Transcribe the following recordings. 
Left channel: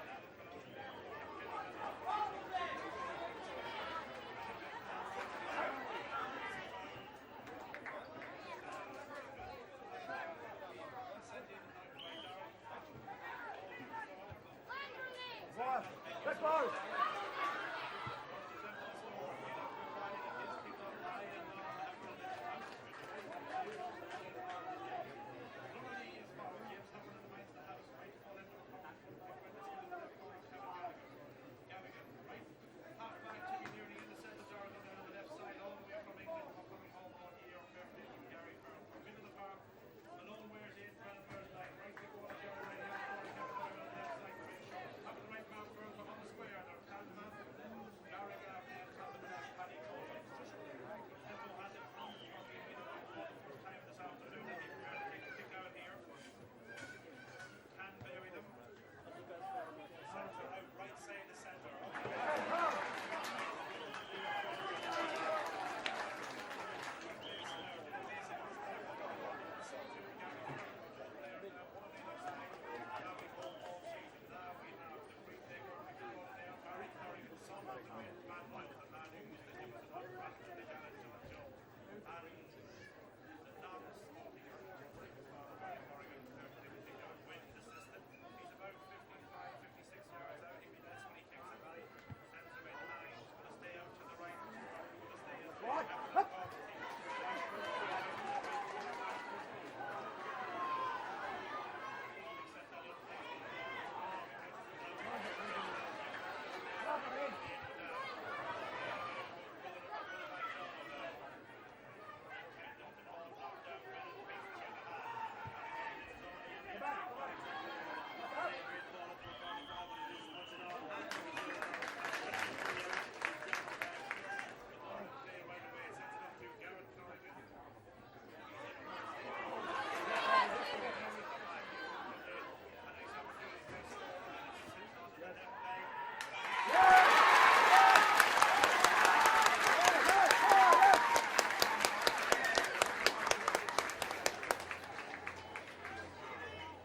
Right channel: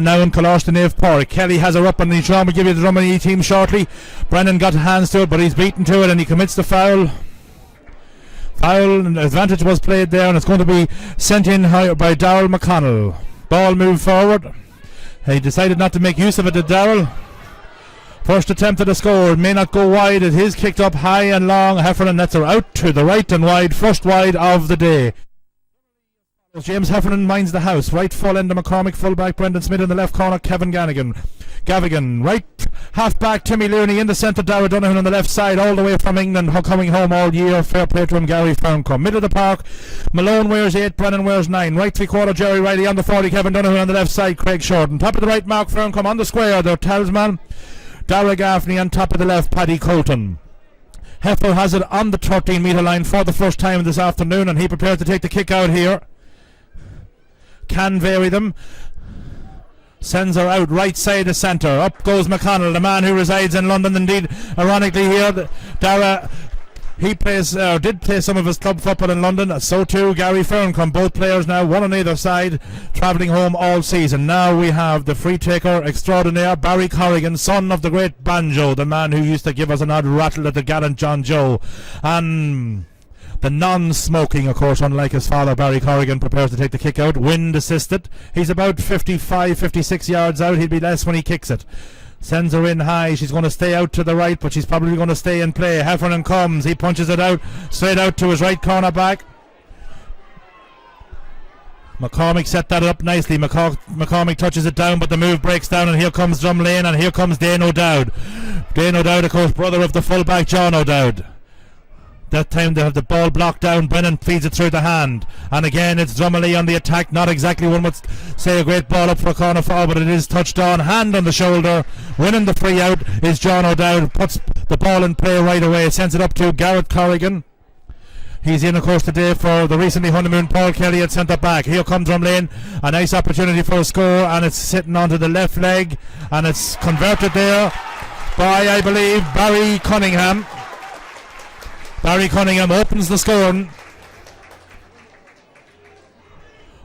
Now in Kalash the Nave Park. Kelly has her up on the drum. We'll give you the Drumalee team shortly. Brennan got hands to it, but he's beaten to it and he commits the foul. Foul and advantage was played there, and it's going to be sent in high by Darrell McConnell. Ball moved forward. He decided not to make use of it, did Darrell. First attempt at a score, may not go wide. It is kicked up high and long. Heffernan nets her out to the right and wide. First wide of the day. James Heffernan minds the house. Right full end of McCormick, fullback Brendan Smith in the left corner, Cavan Gavigan. Right half back Timmy Looney in the centre, Dara Donoghue on the left side, all the way from England, coming home all year. Fair play to him, Gary Ferncombe. Middle of the park, Malone wears 8, Brennan wears 9. Right 3/4 Jerry Riley on the 40, Kevin Donoghue on the left side, Craig Shorten. Top of the right, Mark Ferncombe on the square, the talisman, Dara Gaffney. On top of the left, Paddy Colton. Heffer has it on the 13-metre line for the first time this afternoon, and he prepares to take the kick out here. Can vary them. Sends her out right side of centre. Up goes McConnell, the man who resides in London. Indeed, ironically here, Dara, he plays did play some of his club football in London. So too Gary Ferncombe. Both players now, one on either side, travelling home all season. Now we have the free taker extraordinaire, Barry Corrigan, son of the great Banjo, the man who used to give us an odd rattle at the gallant John Joe. And the non-smoking, of course, unlike his father, Barry Corrigan, prepares to take the kick out. Wind assisted. He's about 55, 56 yards out. He'll be less when he kicks it. Sends her in high. She's going to stay out to the right, but she's probably going to stay in play. Heffernan comes. He punches it out, straight out to his right corner back. McCormick set that up nicely. McCormick touches it down, but the move breaks down, and here comes Drumlane, and here comes Dane O'Dowd. Dane O'Dowd, of course, brother of the fullback John O'Dowd. That time they have the ball blocked down. Brennan feeds it through the hand, and again it's Drumalee on the attack. Not exactly one would say a great ball up for a corner foul, but it is touched on. Hand on the shoulder. Winning the free out is John O'Dowd. Puts the ball in play right away. Sends it up to Garrett Corrigan. He's in, of course, today for the recently honeymoon Paul Kelly at centre back. Here comes Drumlane. A nice opportunity for a score, and it's sitting onto the left leg, and it's converted there by, I believe, Barry Cunningham. Barry Cunningham opens the scoring.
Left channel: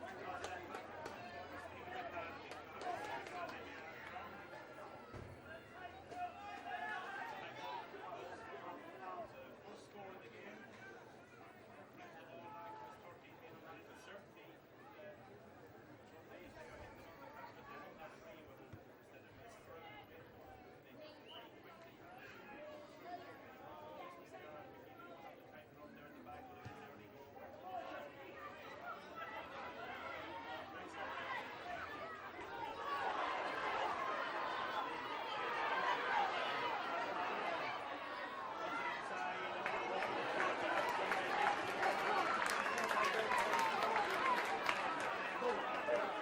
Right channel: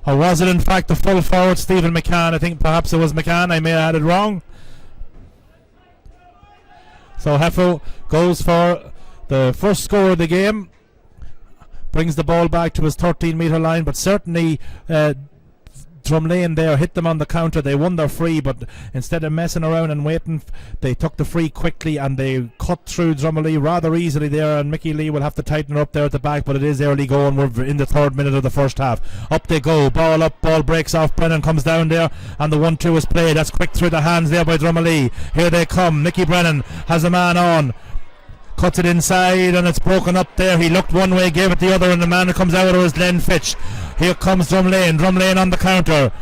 Or was it in fact the full forward Stephen McCann? I think perhaps it was McCann. I may have had it wrong. So Heffel goes for the first score of the game. Brings the ball back to his 13-metre line, but certainly Drumlane there hit them on the counter. They won their free, but instead of messing around and waiting, they took the free quickly and they cut through Drumalee rather easily there, and Mickey Lee will have to tighten her up there at the back, but it is early going. We're in the 3rd minute of the first half. Up they go, ball up, ball breaks off. Brennan comes down there, and the 1-2 is played. That's quick through the hands there by Drumalee. Here they come. Nicky Brennan has a man on, cuts it inside, and it's broken up there. He looked one way, gave it the other, and the man who comes out of is Len Fitch. Here comes Drumlane. Drumlane on the counter.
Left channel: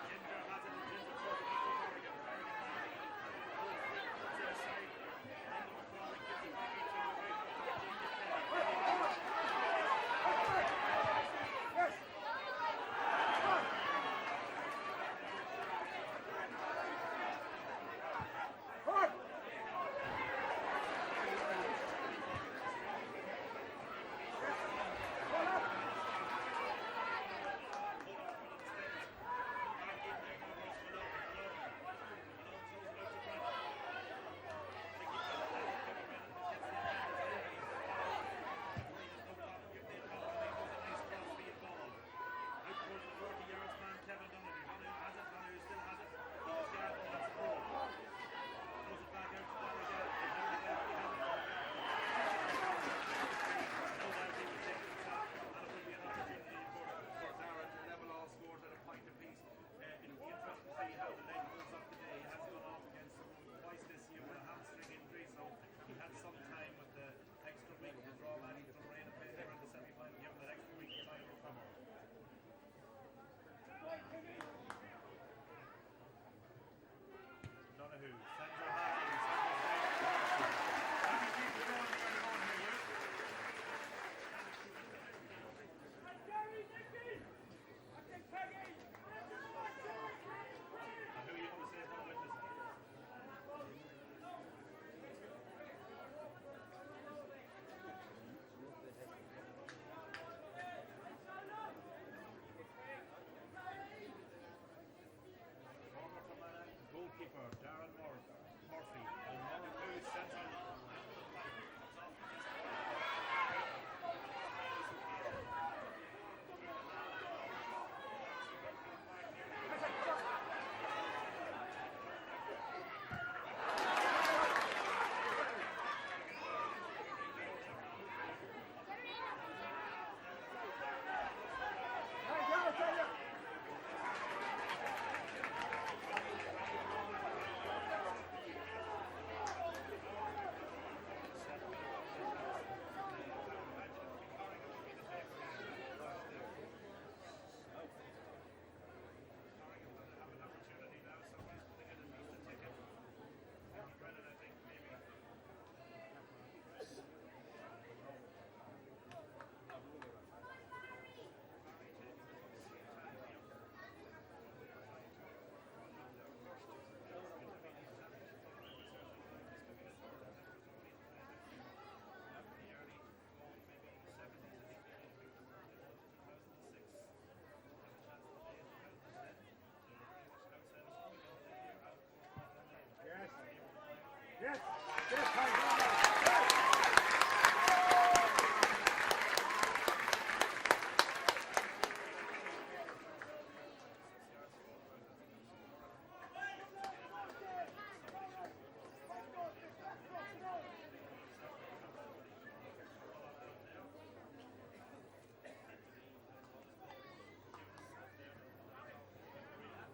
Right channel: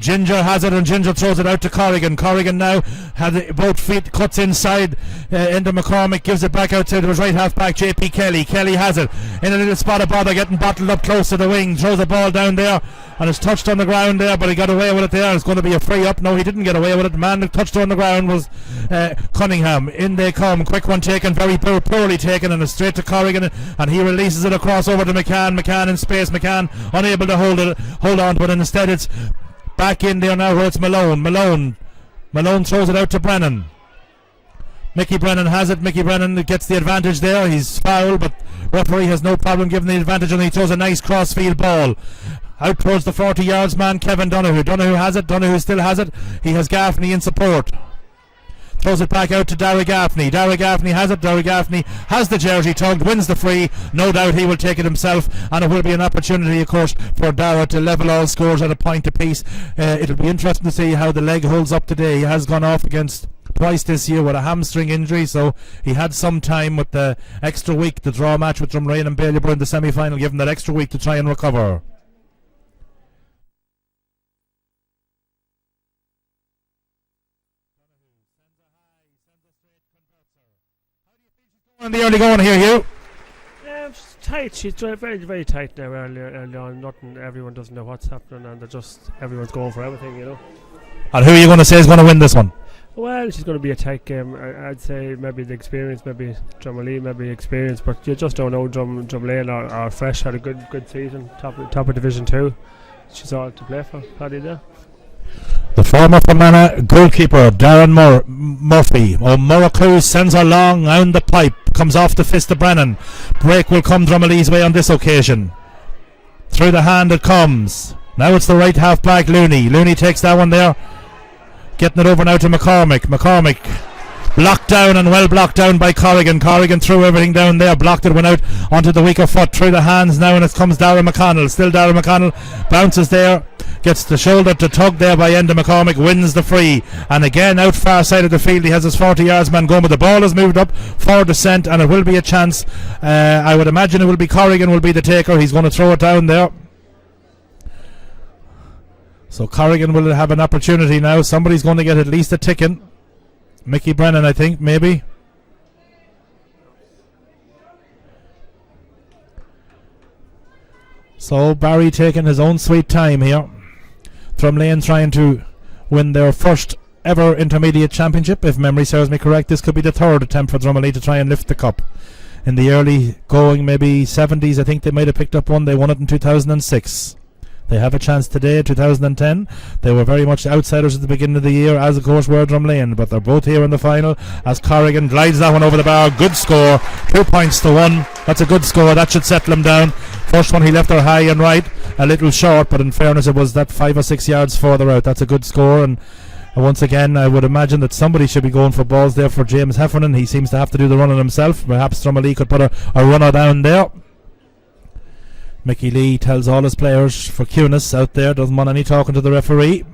Ginger has it, and Ginger throws it out to Corrigan. Corrigan now has both feet, cuts inside into McCormick, gives it back out to his right half back JP Kelly. Kelly has it in a little spot of bother, getting bottled up close to the wing, throws the ball down there, and it's touched on the ground there, but he got away with it there. It's going to be a free up. No, he didn't get away with it. The man that touched on the ground was Cunningham. In they come, quick one taken, very poorly taken, and it's straight to Corrigan, and he releases it across over to McCann. McCann in space. McCann unable to hold on to it, and instead it's back in there now where it's Malone. Malone throws it out to Brennan. Mickey Brennan has it. Mickey Brennan gets the advantage there. He's fouled, but referee has no problem giving the advantage, and he throws a nice crossfield ball out towards the 40 yards man, Kevin Donoghue. Donoghue has it. Donoghue still has it. He has Gaffney in support. Throws it back out to Dara Gaffney. Dara Gaffney has it. Dara Gaffney has the jersey tugged, wins the free. No doubt he will take it himself, and it will be an opportunity, of course, for Dara to level all scores at a point apiece. It'll be interesting to see how the leg holds up today. He has gone off against twice this year with a hamstring injury, so he had some time with the extra week, the draw match with Drumlane and Ballyburn in the semi-final, given that extra week to try and recover. And the early going here, Hugh. She's tight. She's very, very tight now. Early on, nothing. Everyone doesn't know what's happening, and everyone's going for everything, you know. And who are you going to say is going to win this one? Well, she's going to be a tight game. I'd say maybe the experience, maybe Drumalee, maybe experience, but you just don't know. Drumlane are fresh, had a good season, top of Division 2. She's all to play for, Paddy there. The former Fermanagh goalkeeper Darren Murphy. O'Murracoo sends her long down the pipe. Comes off the fist of Brennan. Break will come Drumalee's way on this occasion. Through the hand it comes. Now it's the right half back Looney. Looney takes that one there. Getting it over now to McCormick. McCormick blocked down and well blocked down by Corrigan. Corrigan threw everything down there. Blocked it, went out onto the weaker foot. Through the hands now and it comes Darragh McConnell. Still Darragh McConnell. Bounces there. Gets the shoulder to tug there by Enda McCormick. Wins the free. And again out far side of the field he has his 40 yards man going. But the ball has moved up for descent and it will be a chance. I would imagine it will be Corrigan will be the taker. He's going to throw it down there. So Corrigan will have an opportunity now. Somebody's going to get at least a ticking. Mickey Brennan, I think, maybe. So Barry taking his own sweet time here. Drumlane trying to win their first ever intermediate championship. If memory serves me correct, this could be the third attempt for Drumalee to try and lift the cup. In the early going, maybe 70s, I think they might have picked up one. They won it in 2006. They have a chance today, 2010. They were very much outsiders at the beginning of the year, as of course were Drumlane, but they're both here in the final as Corrigan glides that one over the bar. Good score, 2 points to 1. That's a good score, that should settle him down. First one he left her high and right, a little short, but in fairness it was that 5 or 6 yards further out. That's a good score, and once again I would imagine that somebody should be going for balls there for James Heffernan. He seems to have to do the running himself. Perhaps Drumalee could put a runner down there. Mickey Lee tells all his players for Cunis out there, doesn't want any talking to the referee.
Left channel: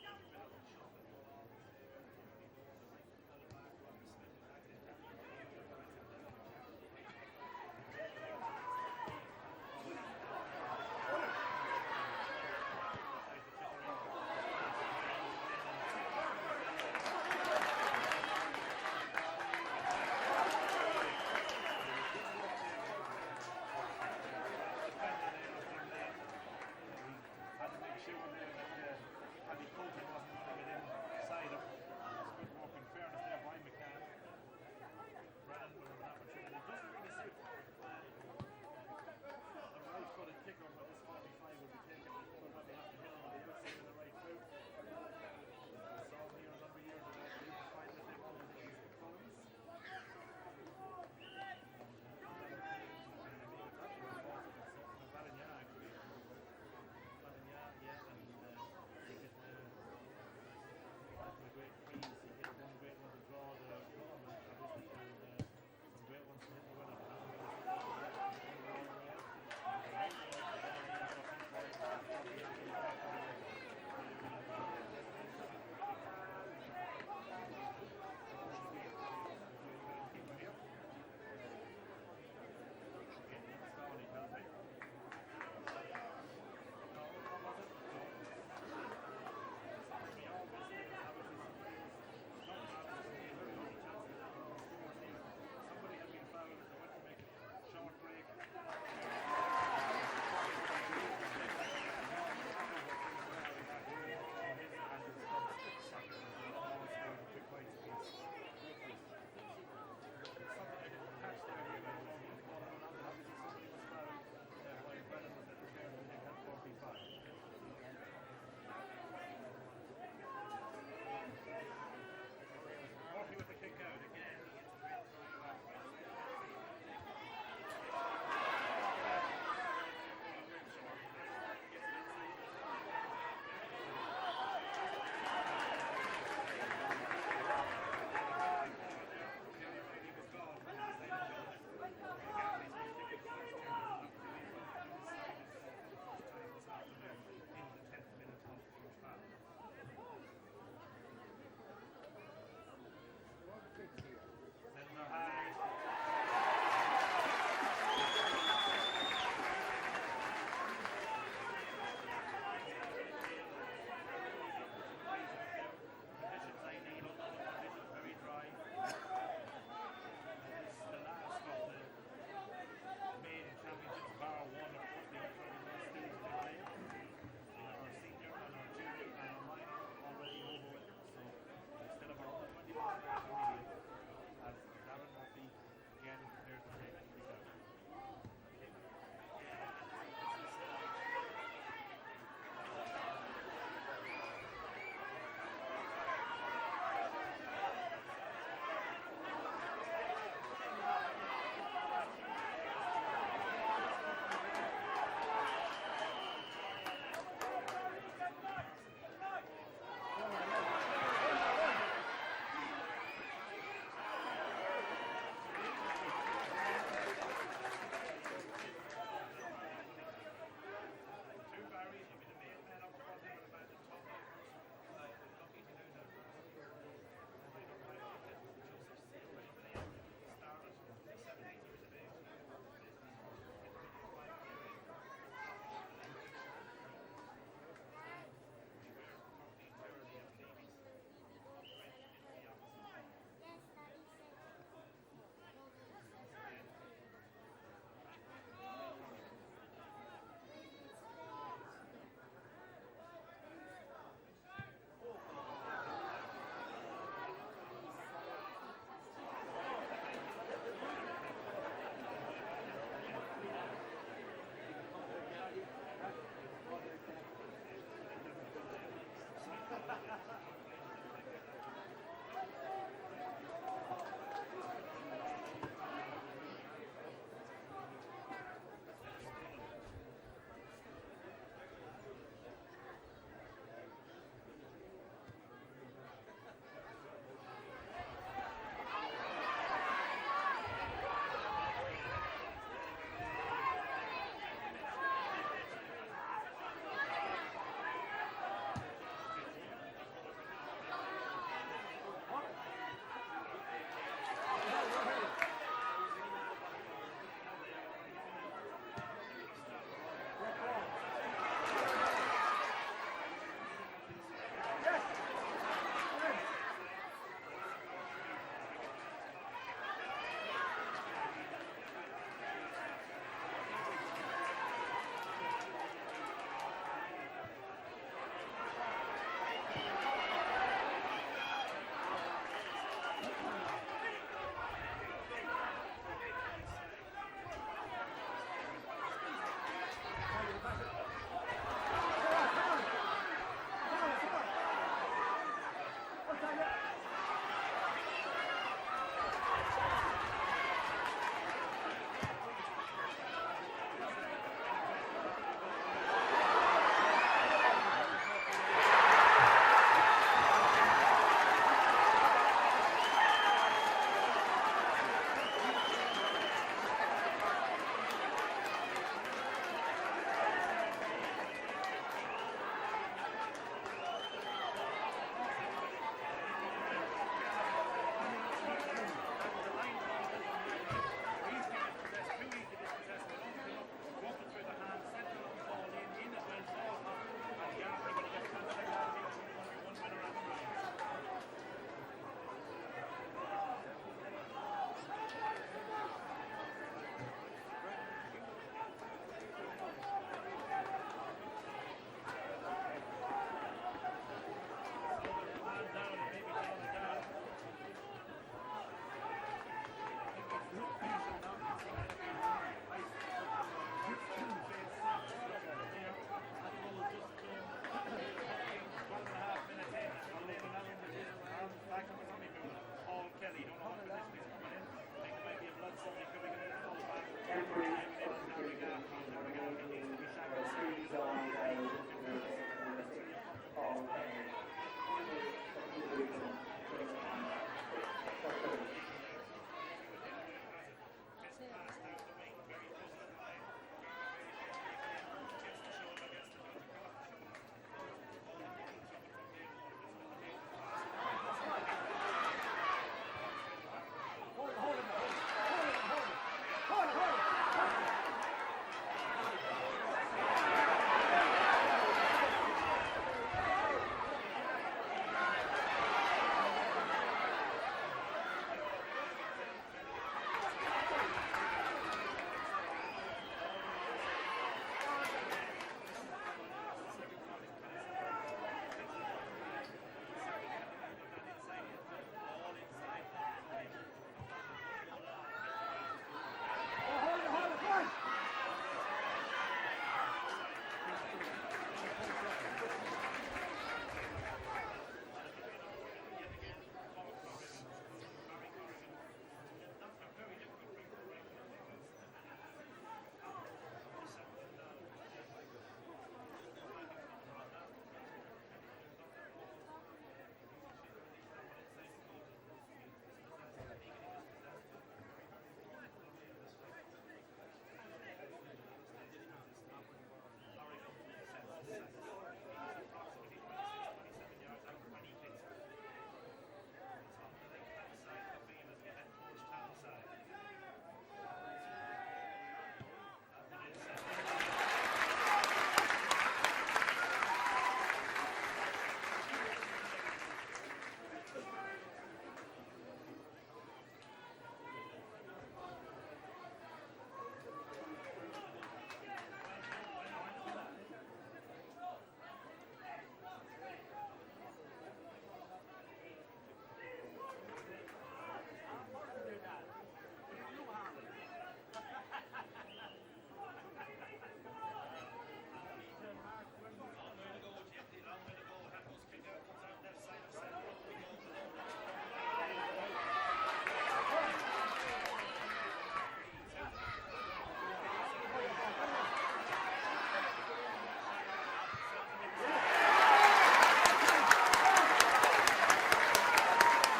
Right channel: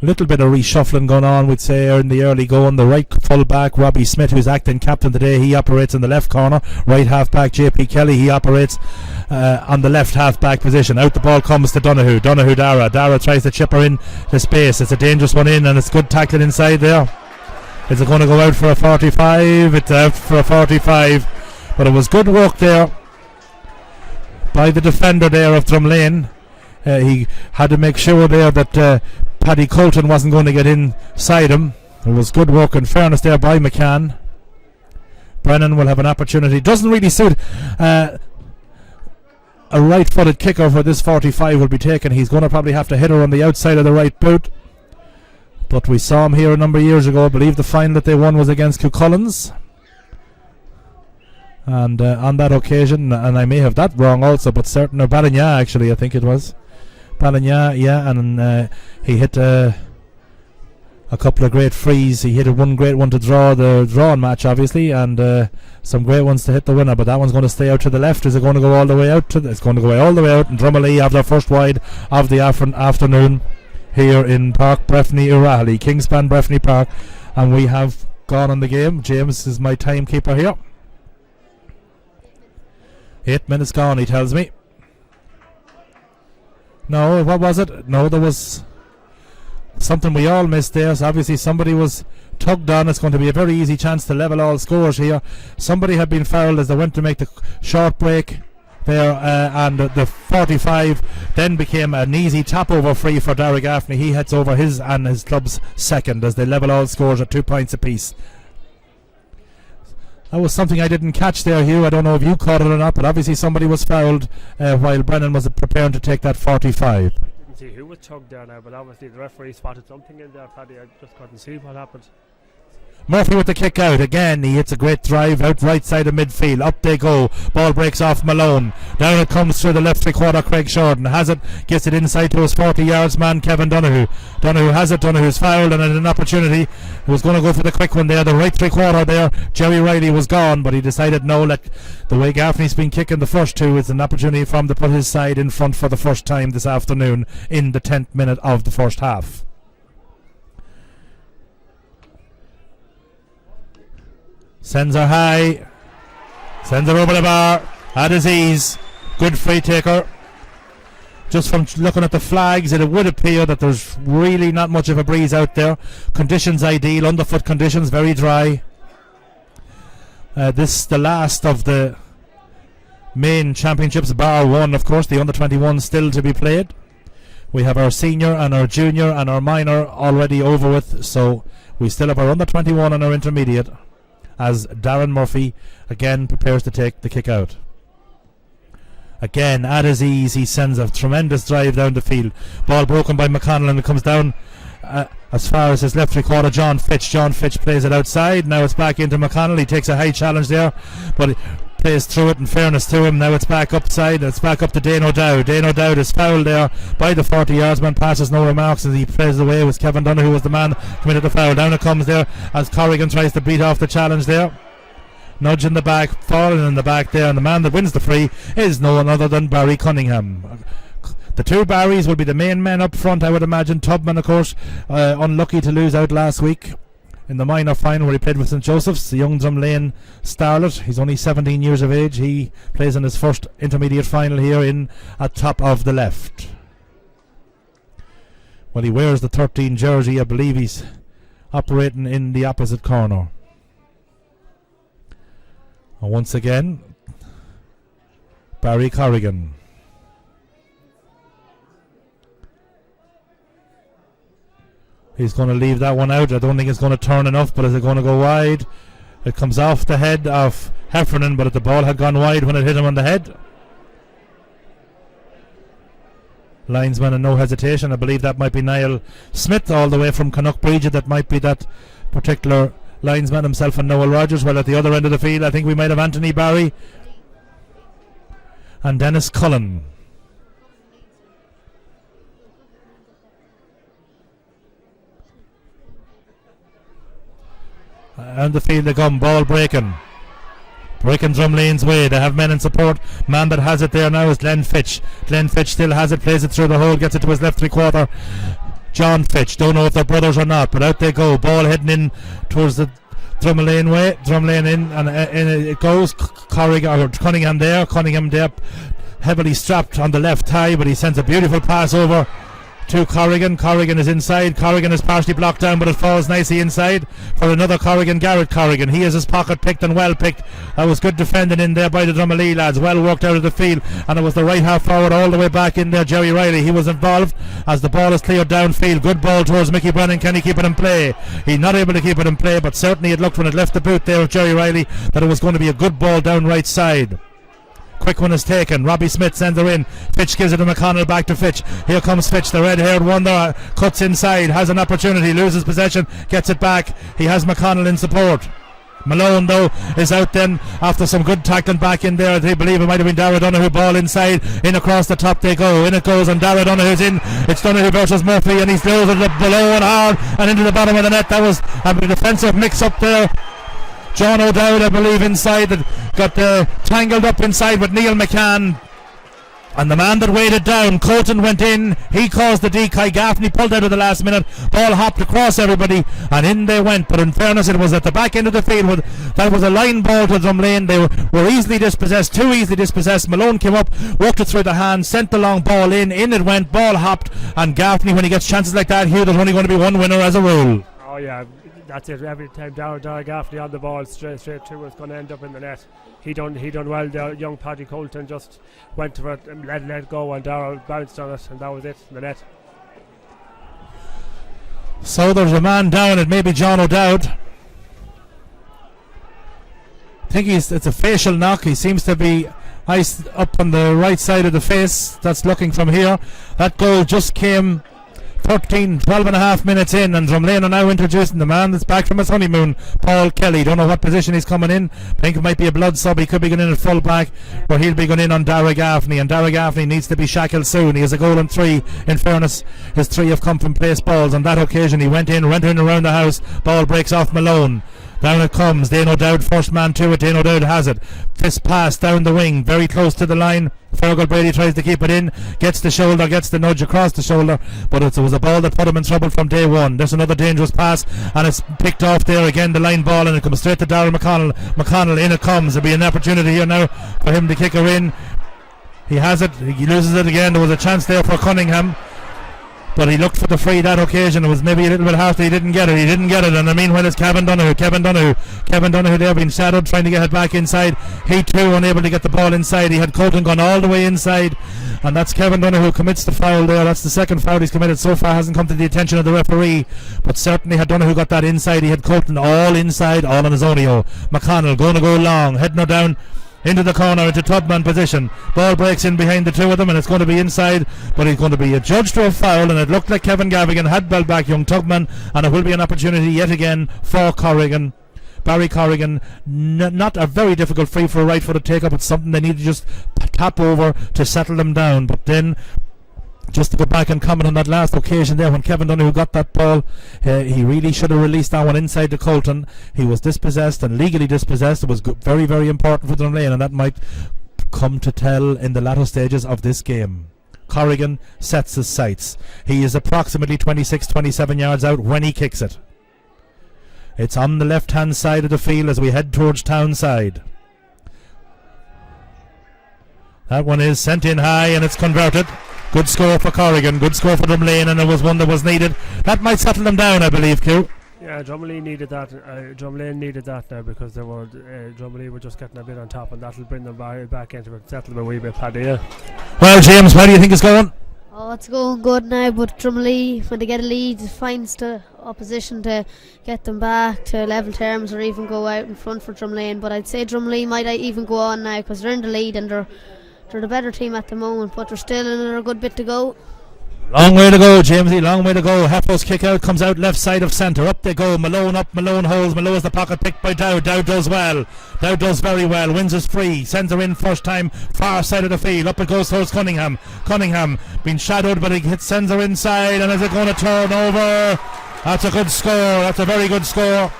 Little bit of reshuffling going on, we'd say, in the early going. The right full back Robbie Smith, who's acting captain today, he operates in the left corner. Right half back JP Kelly, he operates on the left half back position. Out the ball comes to Donoghue. Dara tries to chip her in to space. It's a dangerous one in and it's good tackling inside there. Is it going to go out for a 45? It's out for a 45. But it was good work there by the defender there of Drumlane. He had to make sure there that Paddy Colton wasn't going to get inside him. It was good work and fairness there by McCann. Brennan will have an opportunity. Doesn't really suit a right-footed kicker for this 45 will be taken. He's going to probably have to hit her on the outside of the right boot. But we saw him here a number of years ago. I believe the final that they won was against Cucullins. And on that occasion, and I may have that wrong also, but certain, or Balagna actually, I think it was. Balagna, yeah, and he hit a couple of great frees. He hit one great one to draw the drawing match, obviously, and some great ones to hit the winner, but that one's going to stay out to the left. Is it going to go all the way out? It's going to go all the way out, and Drumalee have their first wide of the afternoon here in Park Breffni, Urahalli, Kingspan Breffni Park, and we have gone on the game. James is my timekeeper here. 8 minutes gone, he tells me. No, what was it? No, there was something we all missed there. So obviously somebody was tugged on. It's going to be a very easy chance to level all scores here. Somebody had been fouled as they went to make the short break there, and the 45 then became an easy tap over free for Darragh Gaffney. He heads over his and his club's second as they level all scores at 2 points apiece. That was something I didn't catch there, Hugh. I don't know if you caught it or not, but obviously somebody was fouled while Brennan was preparing to take that 45. Didn't see who was tugged down now, but obviously the referee spotted something in there, Paddy. I just couldn't see what happened. Murphy with the kick out again. He hits a great drive out right side of midfield. Up they go. Ball breaks off Malone. Down it comes through the left 3/4. Craig Shorten has it, gets it inside to his 40 yards man Cavan Donoghue. Donoghue has it. Donoghue's fouled and an opportunity. He was going to go for the quick one there. The right 3/4 there. Jerry Riley was gone, but he decided no. Let the way Gaffney's been kicking the first two, it's an opportunity for him to put his side in front for the first time this afternoon in the 10th minute of the first half. Sends her high. Sends her over the bar. At his ease. Good free taker. Just from looking at the flags, it would appear that there's really not much of a breeze out there. Conditions ideal. Underfoot conditions very dry. This is the last of the main championships, bar one, of course. The under-21 still to be played. We have our senior and our junior and our minor already over with. So we still have our under-21 and our intermediate, as Darren Murphy again prepares to take the kick out. Again, at his ease, he sends a tremendous drive down the field. Ball broken by McConnell, and it comes down as far as his left 3/4, John Fitch. John Fitch plays it outside. Now it's back into McConnell. He takes a high challenge there, but he plays through it in fairness to him. Now it's back upside. It's back up to Dane O'Dowd. Dane O'Dowd is fouled there by the 40 yards man. Passes no remarks as he plays away. It was Cavan Donoghue who was the man committed the foul. Down it comes there as Corrigan tries to beat off the challenge there. Nudge in the back, falling in the back there, and the man that wins the free is no one other than Barry Cunningham. The two Barrys will be the main men up front, I would imagine. Tubman, of course, unlucky to lose out last week in the minor final where he played with St Joseph's, the young Drumlane starlet. He's only 17 years of age. He plays in his first intermediate final here in at top of the left. Well, he wears the 13 jersey. I believe he's operating in the opposite corner. And once again, Barry Corrigan. He's going to leave that one out. I don't think it's going to turn enough, but is it going to go wide? It comes off the head of Heffernan, but the ball had gone wide when it hit him on the head. Linesman and no hesitation. I believe that might be Niall Smith all the way from Canuck-Bridge. That might be that particular linesman himself and Noel Rogers. Well, at the other end of the field, I think we might have Anthony Barry and Dennis Cullen. And the field they come, ball breaking Drumlane's way. They have men in support. Man that has it there now is Glenn Fitch. Glenn Fitch still has it, plays it through the hole, gets it to his left 3/4. John Fitch, don't know if they're brothers or not, but out they go. Ball heading in towards the Drumalee way. Drumlane in, and in it goes. Cunningham there, heavily strapped on the left thigh, but he sends a beautiful pass over to Corrigan. Corrigan is inside. Corrigan is partially blocked down, but it falls nicely inside for another Corrigan, Garrett Corrigan. He has his pocket picked and well picked. That was good defending in there by the Drumalee lads. Well worked out of the field, and it was the right half forward all the way back in there. Jerry Riley, he was involved as the ball is cleared downfield. Good ball towards Mickey Brennan. Can he keep it in play? He's not able to keep it in play, but certainly it looked when it left the boot there of Jerry Riley that it was going to be a good ball down right side. Quick one is taken. Robbie Smith sends her in. Fitch gives it to McConnell, back to Fitch. Here comes Fitch, the red-haired wonder. Cuts inside, has an opportunity, loses possession, gets it back. He has McConnell in support. Malone, though, is out then after some good tackling back in there. They believe it might have been Dara Donoghue. Ball inside, in across the top they go. In it goes, and Dara Donoghue's in. It's Donoghue versus Murphy, and he's throws it below and hard and into the bottom of the net. That was a defensive mix up there. John O'Dowd, I believe, inside, that got tangled up inside with Neil McCann. And the man that weighed it down, Colton, went in. He caused the decoy. Gaffney pulled out at the last minute. Ball hopped across everybody, and in they went. But in fairness, it was at the back end of the field. That was a line ball to Drumlane. They were easily dispossessed, too easily dispossessed. Malone came up, worked it through the hand, sent the long ball in. In it went, ball hopped. And Gaffney, when he gets chances like that here, there's only going to be one winner as a rule. Oh, yeah. That's it. Every time Dara Gaffney on the ball, straight through, it's going to end up in the net. He done well. The young Paddy Colton just went for it and let it go, and Dara bounced on it, and that was it in the net. So there's a man down. It may be John O'Dowd. I think it's a facial knock. He seems to be iced up on the right side of the face. That's looking from here. That goal just came 12 and a half minutes in, and Drumlane are now introducing the man that's back from his honeymoon, Paul Kelly. Don't know what position he's coming in. I think it might be a blood sub. He could be going in at full back, where he'll be going in on Dara Gaffney, and Dara Gaffney needs to be shackled soon. He has a goal and 3. In fairness, his 3 have come from place balls. On that occasion he went in around the house. Ball breaks off Malone. Down it comes. Dane O'Dowd, first man to it. Dane O'Dowd has it. Fist pass down the wing, very close to the line. Fergal Brady tries to keep it in, gets the shoulder, gets the nudge across the shoulder, but it was a ball that put him in trouble from day one. There's another dangerous pass, and it's picked off there again, the line ball, and it comes straight to Darryl McConnell. McConnell, in it comes. There'll be an opportunity here now for him to kick her in. He has it, he loses it again. There was a chance there for Cunningham, but he looked for the free that occasion. It was maybe a little bit hard that he didn't get it. And in the meanwhile it's Cavan Donoghue there being shadowed, trying to get it back inside. He too unable to get the ball inside. He had Colton gone all the way inside, and that's Cavan Donoghue who commits the foul there. That's the second foul he's committed so far. Hasn't come to the attention of the referee, but certainly had Donoghue got that inside, he had Colton all inside, all on his own. McConnell going to go long, heading her down into the corner, into Tubman position. Ball breaks in behind the two of them, and it's going to be inside, but he's going to be adjudged to a foul, and it looked like Cavan Gavigan had bell back young Tubman, and it will be an opportunity yet again for Corrigan. Barry Corrigan, not a very difficult free for a right footed take up. It's something they need to just tap over to settle them down. But then, just to go back and comment on that last occasion there when Kevin Donoghue got that ball, he really should have released that one inside to Colton. He was dispossessed and legally dispossessed. It was very, very important for Drumlane, and that might come to tell in the latter stages of this game. Corrigan sets his sights. He is approximately 26-27 yards out when he kicks it. It's on the left-hand side of the field as we head towards Townside. That one is sent in high and it's converted. Good score for Corrigan, good score for Drumlane, and it was one that was needed. That might settle them down, I believe, Q. Yeah, Drumalee needed that. Drumlane needed that now because they were Drumalee were just getting a bit on top, and that'll bring them back into it, settle them a wee bit, Paddy. Yeah. Well, James, how do you think it's going? Oh, it's going good now, but Drumalee, when they get a lead, finds the opposition to get them back to level terms or even go out in front for Drumlane. But I'd say Drumalee might even go on now because they're in the lead and they're the better team at the moment, but they're still in a good bit to go. Long way to go, Jamesy, long way to go. Heffo's kick out comes out left side of centre. Up they go. Malone up, Malone holds. Malone is the pocket picked by Dowd. Dowd does well. Dowd does very well. Wins is free. Sends her in first time. Far side of the field. Up it goes towards Cunningham. Cunningham being shadowed, but he sends her inside. And is it going to turn over? That's a good score. That's a very good score.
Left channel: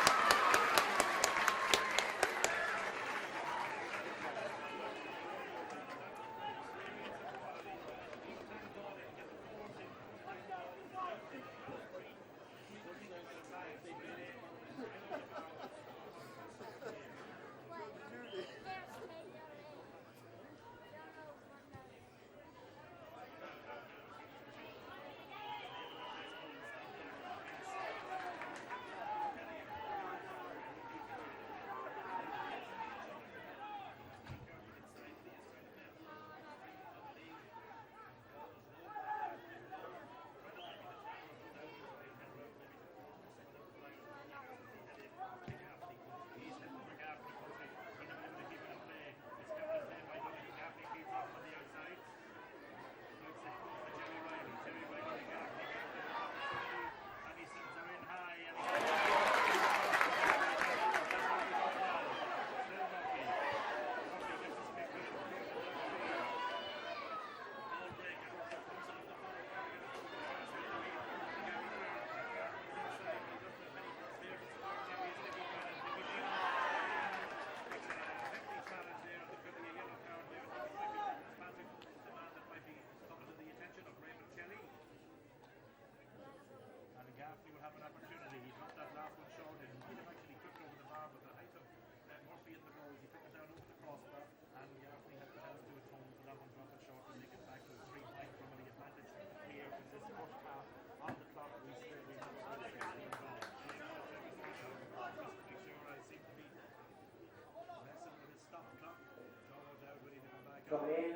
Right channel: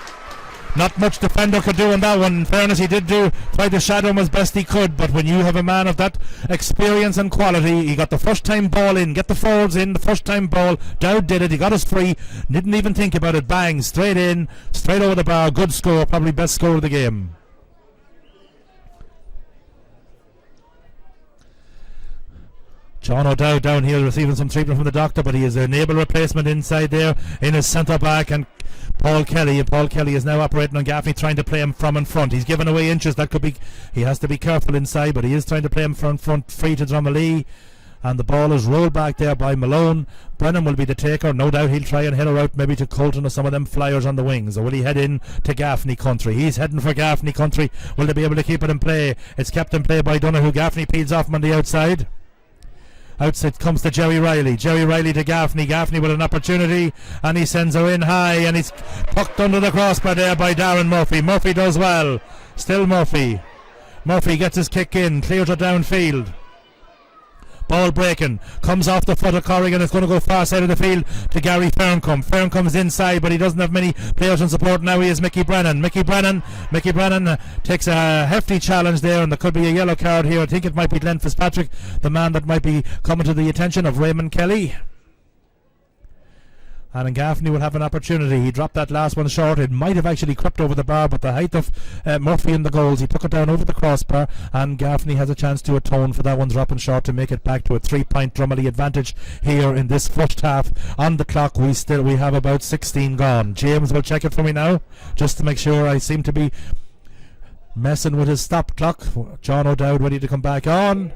Not much defender could do in that one. In fairness, he did try to shadow him as best he could, but when you have a man of that experience and quality, he got the first time ball in, get the forwards in, the first time ball. Dowd did it, he got us free, didn't even think about it, bang, straight in, straight over the bar. Good score, probably best score of the game. John O'Dowd down here receiving some treatment from the doctor, but he is an able replacement inside there in his centre back, and Paul Kelly is now operating on Gaffney, trying to play him from in front. He's given away inches. That could be, he has to be careful inside, but he is trying to play him from front, free to Drumalee, and the ball is rolled back there by Malone. Brennan will be the taker. No doubt he'll try and head her out maybe to Colton or some of them flyers on the wings, or will he head in to Gaffney country? He's heading for Gaffney country. Will they be able to keep it in play? It's kept in play by Donoghue. Gaffney peels off him on the outside. Outside comes to Jerry Riley. Jerry Riley to Gaffney. Gaffney with an opportunity, and he sends her in high, and he's pucked under the crossbar there by Darren Murphy. Murphy does well. Still Murphy. Murphy gets his kick in, clears it downfield. Ball breaking, comes off the foot of Corrigan. It's going to go far side of the field to Gary Ferncombe. Ferncombe's inside, but he doesn't have many players in support. Now he is Mickey Brennan. Mickey Brennan takes a hefty challenge there, and there could be a yellow card here. I think it might be Glenn Fitzpatrick, the man that might be coming to the attention of Raymond Kelly. And Gaffney will have an opportunity. He dropped that last one short. It might have actually crept over the bar, but the height of Murphy in the goals, he took it down over the crossbar, and Gaffney has a chance to atone for that one dropping short to make it back to a 3-point Drumalee advantage here in this first half. On the clock, we have about 16 gone. James will check it for me now, just to make sure. I seem to be messing with his stop clock. John O'Dowd ready to come back on.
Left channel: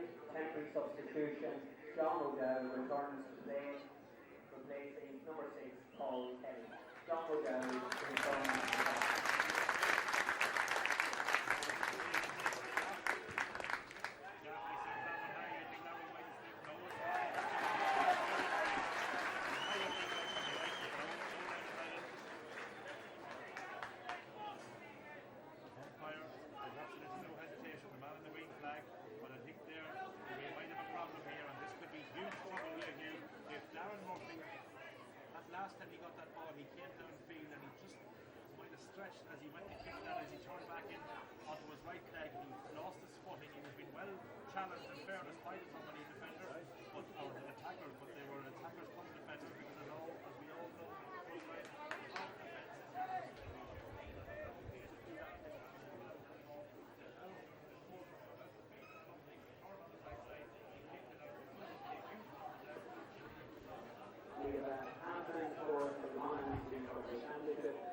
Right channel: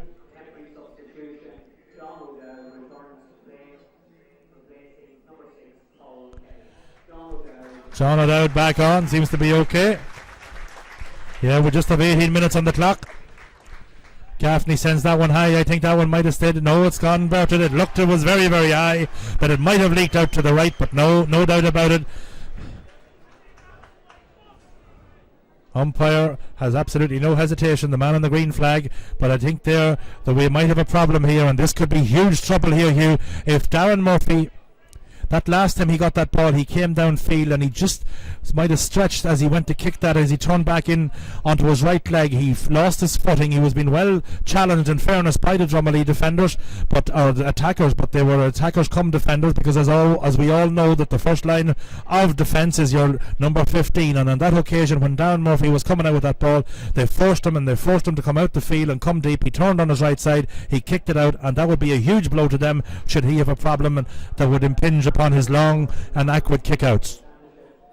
John O'Dowd back on, seems to be okay. Yeah, we just have 18 minutes on the clock. Gaffney sends that one high. I think that one might have stayed. No, it's gone inverted. It looked, it was very, very high, that it might have leaked out to the right, but no doubt about it. Umpire has absolutely no hesitation, the man on the green flag, but I think that we might have a problem here, and this could be huge trouble here, Hugh. If Darren Murphy, that last time he got that ball, he came downfield and he just might have stretched as he went to kick that. As he turned back in onto his right leg, he lost his footing. He was being well challenged, in fairness, by the Drumalee defenders, or the attackers, but they were attackers come defenders, because as we all know that the first line of defence is your number 15, and on that occasion when Darren Murphy was coming out with that ball, they forced him to come out the field and come deep. He turned on his right side, he kicked it out, and that would be a huge blow to them should he have a problem, and that would impinge upon his long and accurate kickouts.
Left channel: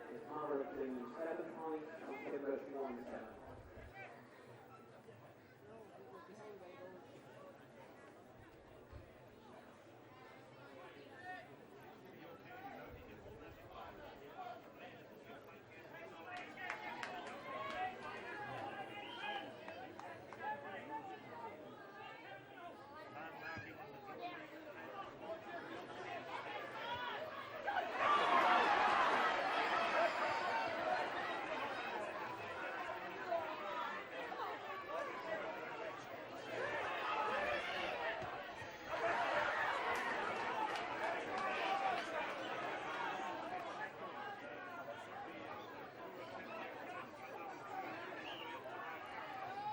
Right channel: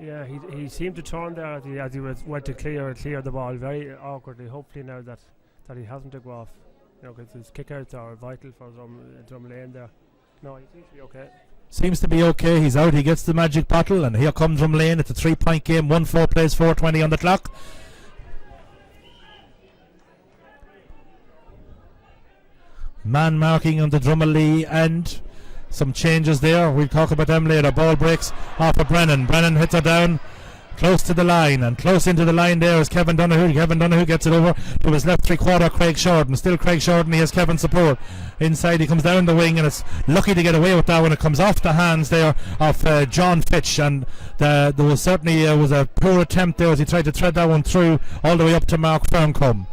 Yeah, he seemed to turn there as he went to clear the ball very awkwardly. Hopefully now that he hasn't to go off, because his kickouts are vital for Drumlane there. No, he seems to be okay. Seems to be okay. He's out. He gets the magic bottle, and here comes Drumlane. It's a 3-point game. 1-4 plays 4:20 on the clock. man marking on the Drumalee end. Some changes there. We'll talk about them later. Ball breaks off of Brennan. Brennan hits her down close to the line, and close into the line there is Kevin Donoghue. Kevin Donoghue gets it over to his left 3/4, Craig Shorten. Still Craig Shorten, he has Kevin's support. Inside he comes down the wing, and it's lucky to get away with that when it comes off the hands there of John Fitch, and there was certainly was a poor attempt there as he tried to thread that one through all the way up to Mark Ferncombe.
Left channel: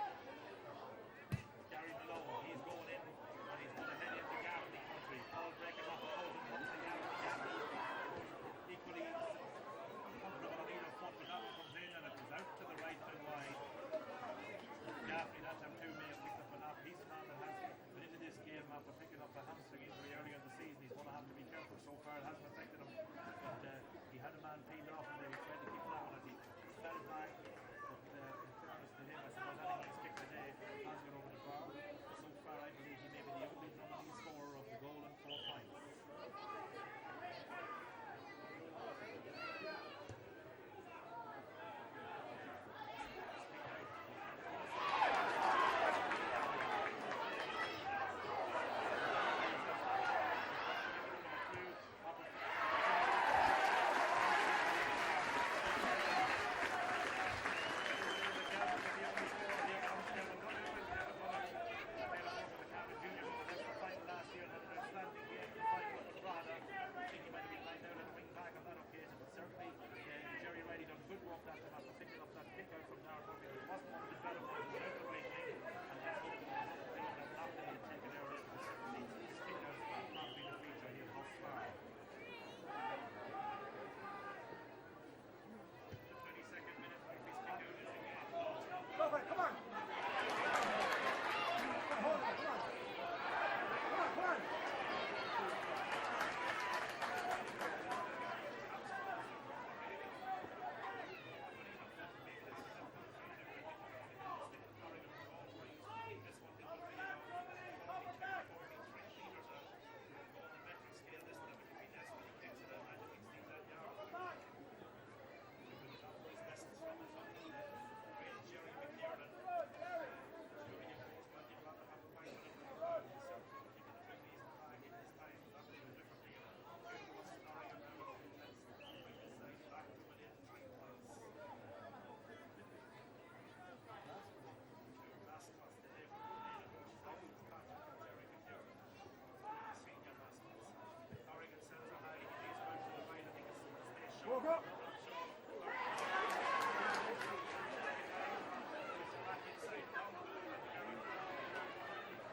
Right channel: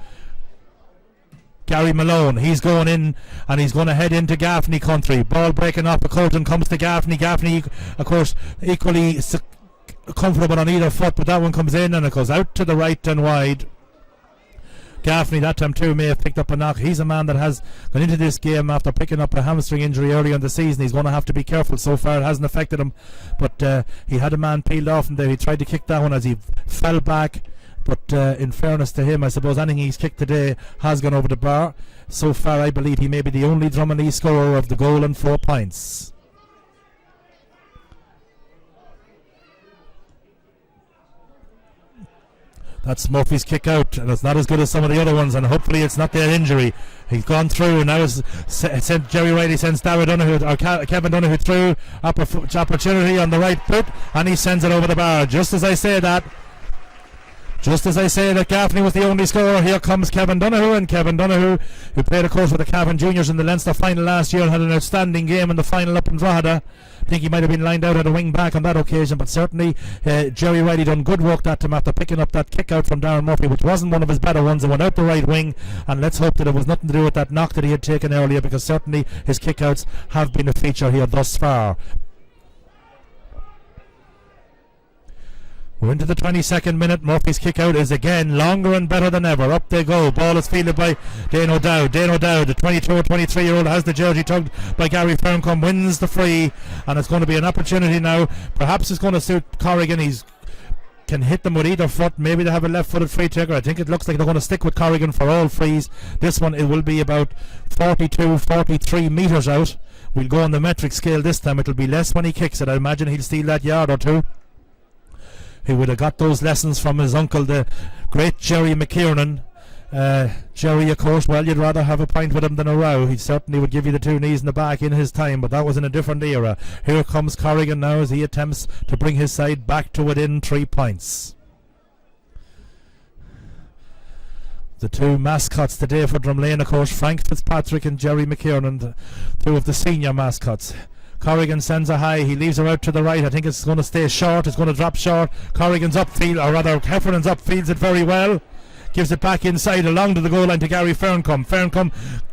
Gary Malone, he's going in and he's going to head into Gaffney country. Ball breaking off, but Colton comes to Gaffney. Gaffney, of course, equally comfortable on either foot, but that one comes in and it goes out to the right and wide. Gaffney that time too may have picked up a knock. He's a man that has gone into this game after picking up a hamstring injury early in the season. He's going to have to be careful. So far it hasn't affected him, but he had a man peeled off and there. He tried to kick that one as he fell back, but in fairness to him, I suppose anything he's kicked today has gone over the bar. So far I believe he may be the only Drumalee scorer of the goal and 4 points. That's Murphy's kick out, and it's not as good as some of the other ones, and hopefully it's not their injury. He's gone through, and now sent Jerry Riley sends Kevin Donoghue through. Opportunity on the right foot, and he sends it over the bar. Just as I say that Gaffney was the only scorer, here comes Kevin Donoghue, and Kevin Donoghue, who played of course with the Cavan juniors in the Leinster final last year and had an outstanding game in the final up in Drogheda. I think he might have been lined out at a wing back on that occasion, but certainly Jerry Riley done good work that time after picking up that kick out from Darren Murphy, which wasn't one of his better ones. It went out the right wing, and let's hope that it was nothing to do with that knock that he had taken earlier, because certainly his kick outs have been a feature here thus far. We're into the 22nd minute. Murphy's kick out is again longer and better than ever. Up they go. Ball is fielded by Dane O'Dowd. Dane O'Dowd, the 22 or 23-year-old, has the jersey tugged by Gary Ferncombe, wins the free, and it's going to be an opportunity now. Perhaps it's going to suit Corrigan. He's can hit them with either foot. Maybe they have a left-footed free taker. I think it looks like they're going to stick with Corrigan for all frees. This one, it will be about 43 metres out. We'll go on the metric scale this time. It'll be less when he kicks it. I imagine he'll steal that yard or two. He would have got those lessons from his uncle, the great Jerry McKiernan. Jerry, of course, well, you'd rather have a pint with him than a row. He certainly would give you the 2 knees in the back in his time, but that was in a different era. Here comes Corrigan now as he attempts to bring his side back to within 3 points. The 2 mascots today for Drumlane, of course, Frank Fitzpatrick and Jerry McKiernan, 2 of the senior mascots. Corrigan sends a high, he leaves her out to the right. I think it's going to stay short, it's going to drop short. Corrigan's upfield, or rather Heffernan's upfields it very well. Gives it back inside along to the goal line to Gary Ferncombe. Ferncombe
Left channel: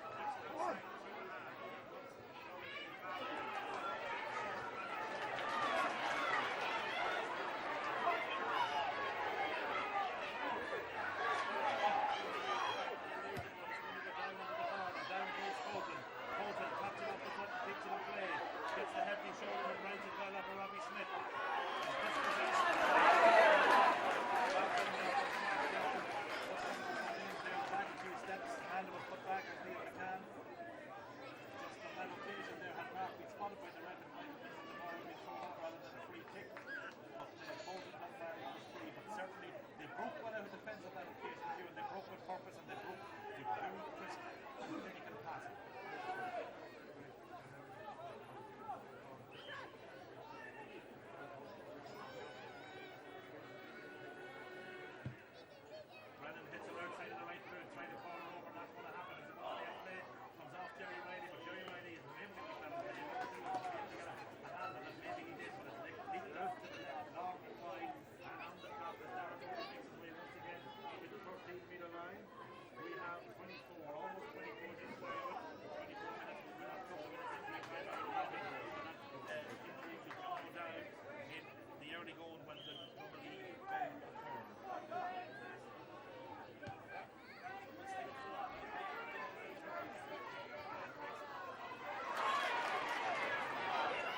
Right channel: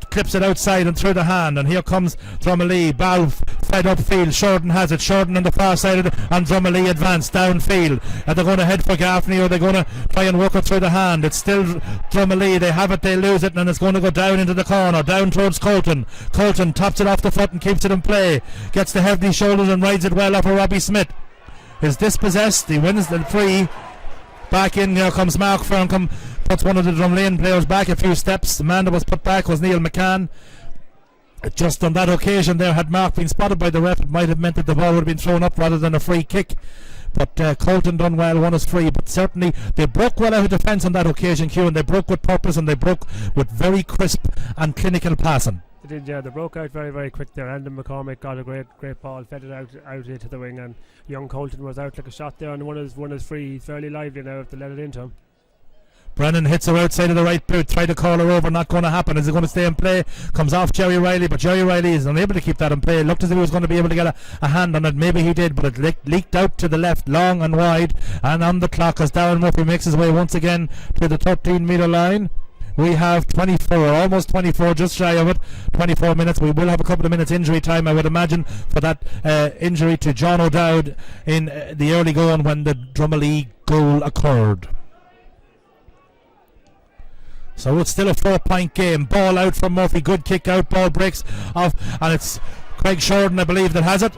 clips it outside and through the hand, and here comes Drumalee. Ball fed upfield, Shorten has it. Shorten on the far side of it, and Drumalee advance downfield. Are they going to head for Gaffney, or are they going to try and work it through the hand? It's still Drumalee. They have it, they lose it, and it's going to go down into the corner, down towards Colton. Colton tops it off the foot and keeps it in play. Gets the heavy shoulders and rides it well off of Robbie Smith. Is dispossessed. He wins the free. Back in, here comes Mark Ferncombe. Puts one of the Drumlane players back a few steps. The man that was put back was Neil McCann. Just on that occasion there, had Mark been spotted by the ref, it might have meant that the ball would have been thrown up rather than a free kick. But Colton done well, won his free. But certainly they broke well out of defence on that occasion, Hugh, and they broke with purpose, and they broke with very crisp and clinical passing. They did, yeah. They broke out very, very quick there. Andon McCormick got a great ball, fed it out into the wing, and young Colton was out like a shot there, and won his free fairly lively now if they let it into him. Brennan hits her outside of the right boot, tried to call her over, not going to happen. Is it going to stay in play? Comes off Jerry Riley, but Jerry Riley is unable to keep that in play. Looked as if he was going to be able to get a hand on it. Maybe he did, but it leaked out to the left, long and wide, and on the clock as Darren Murphy makes his way once again to the 13-metre line. We have 24, almost 24, just shy of it, 24 minutes. We will have a couple of minutes injury time, I would imagine, for that injury to John O'Dowd in the early going when the Drumalee goal occurred. So it's still a 4-point game. Ball out from Murphy, good kick out, ball breaks off, and it's Craig Shorten, I believe, that has it.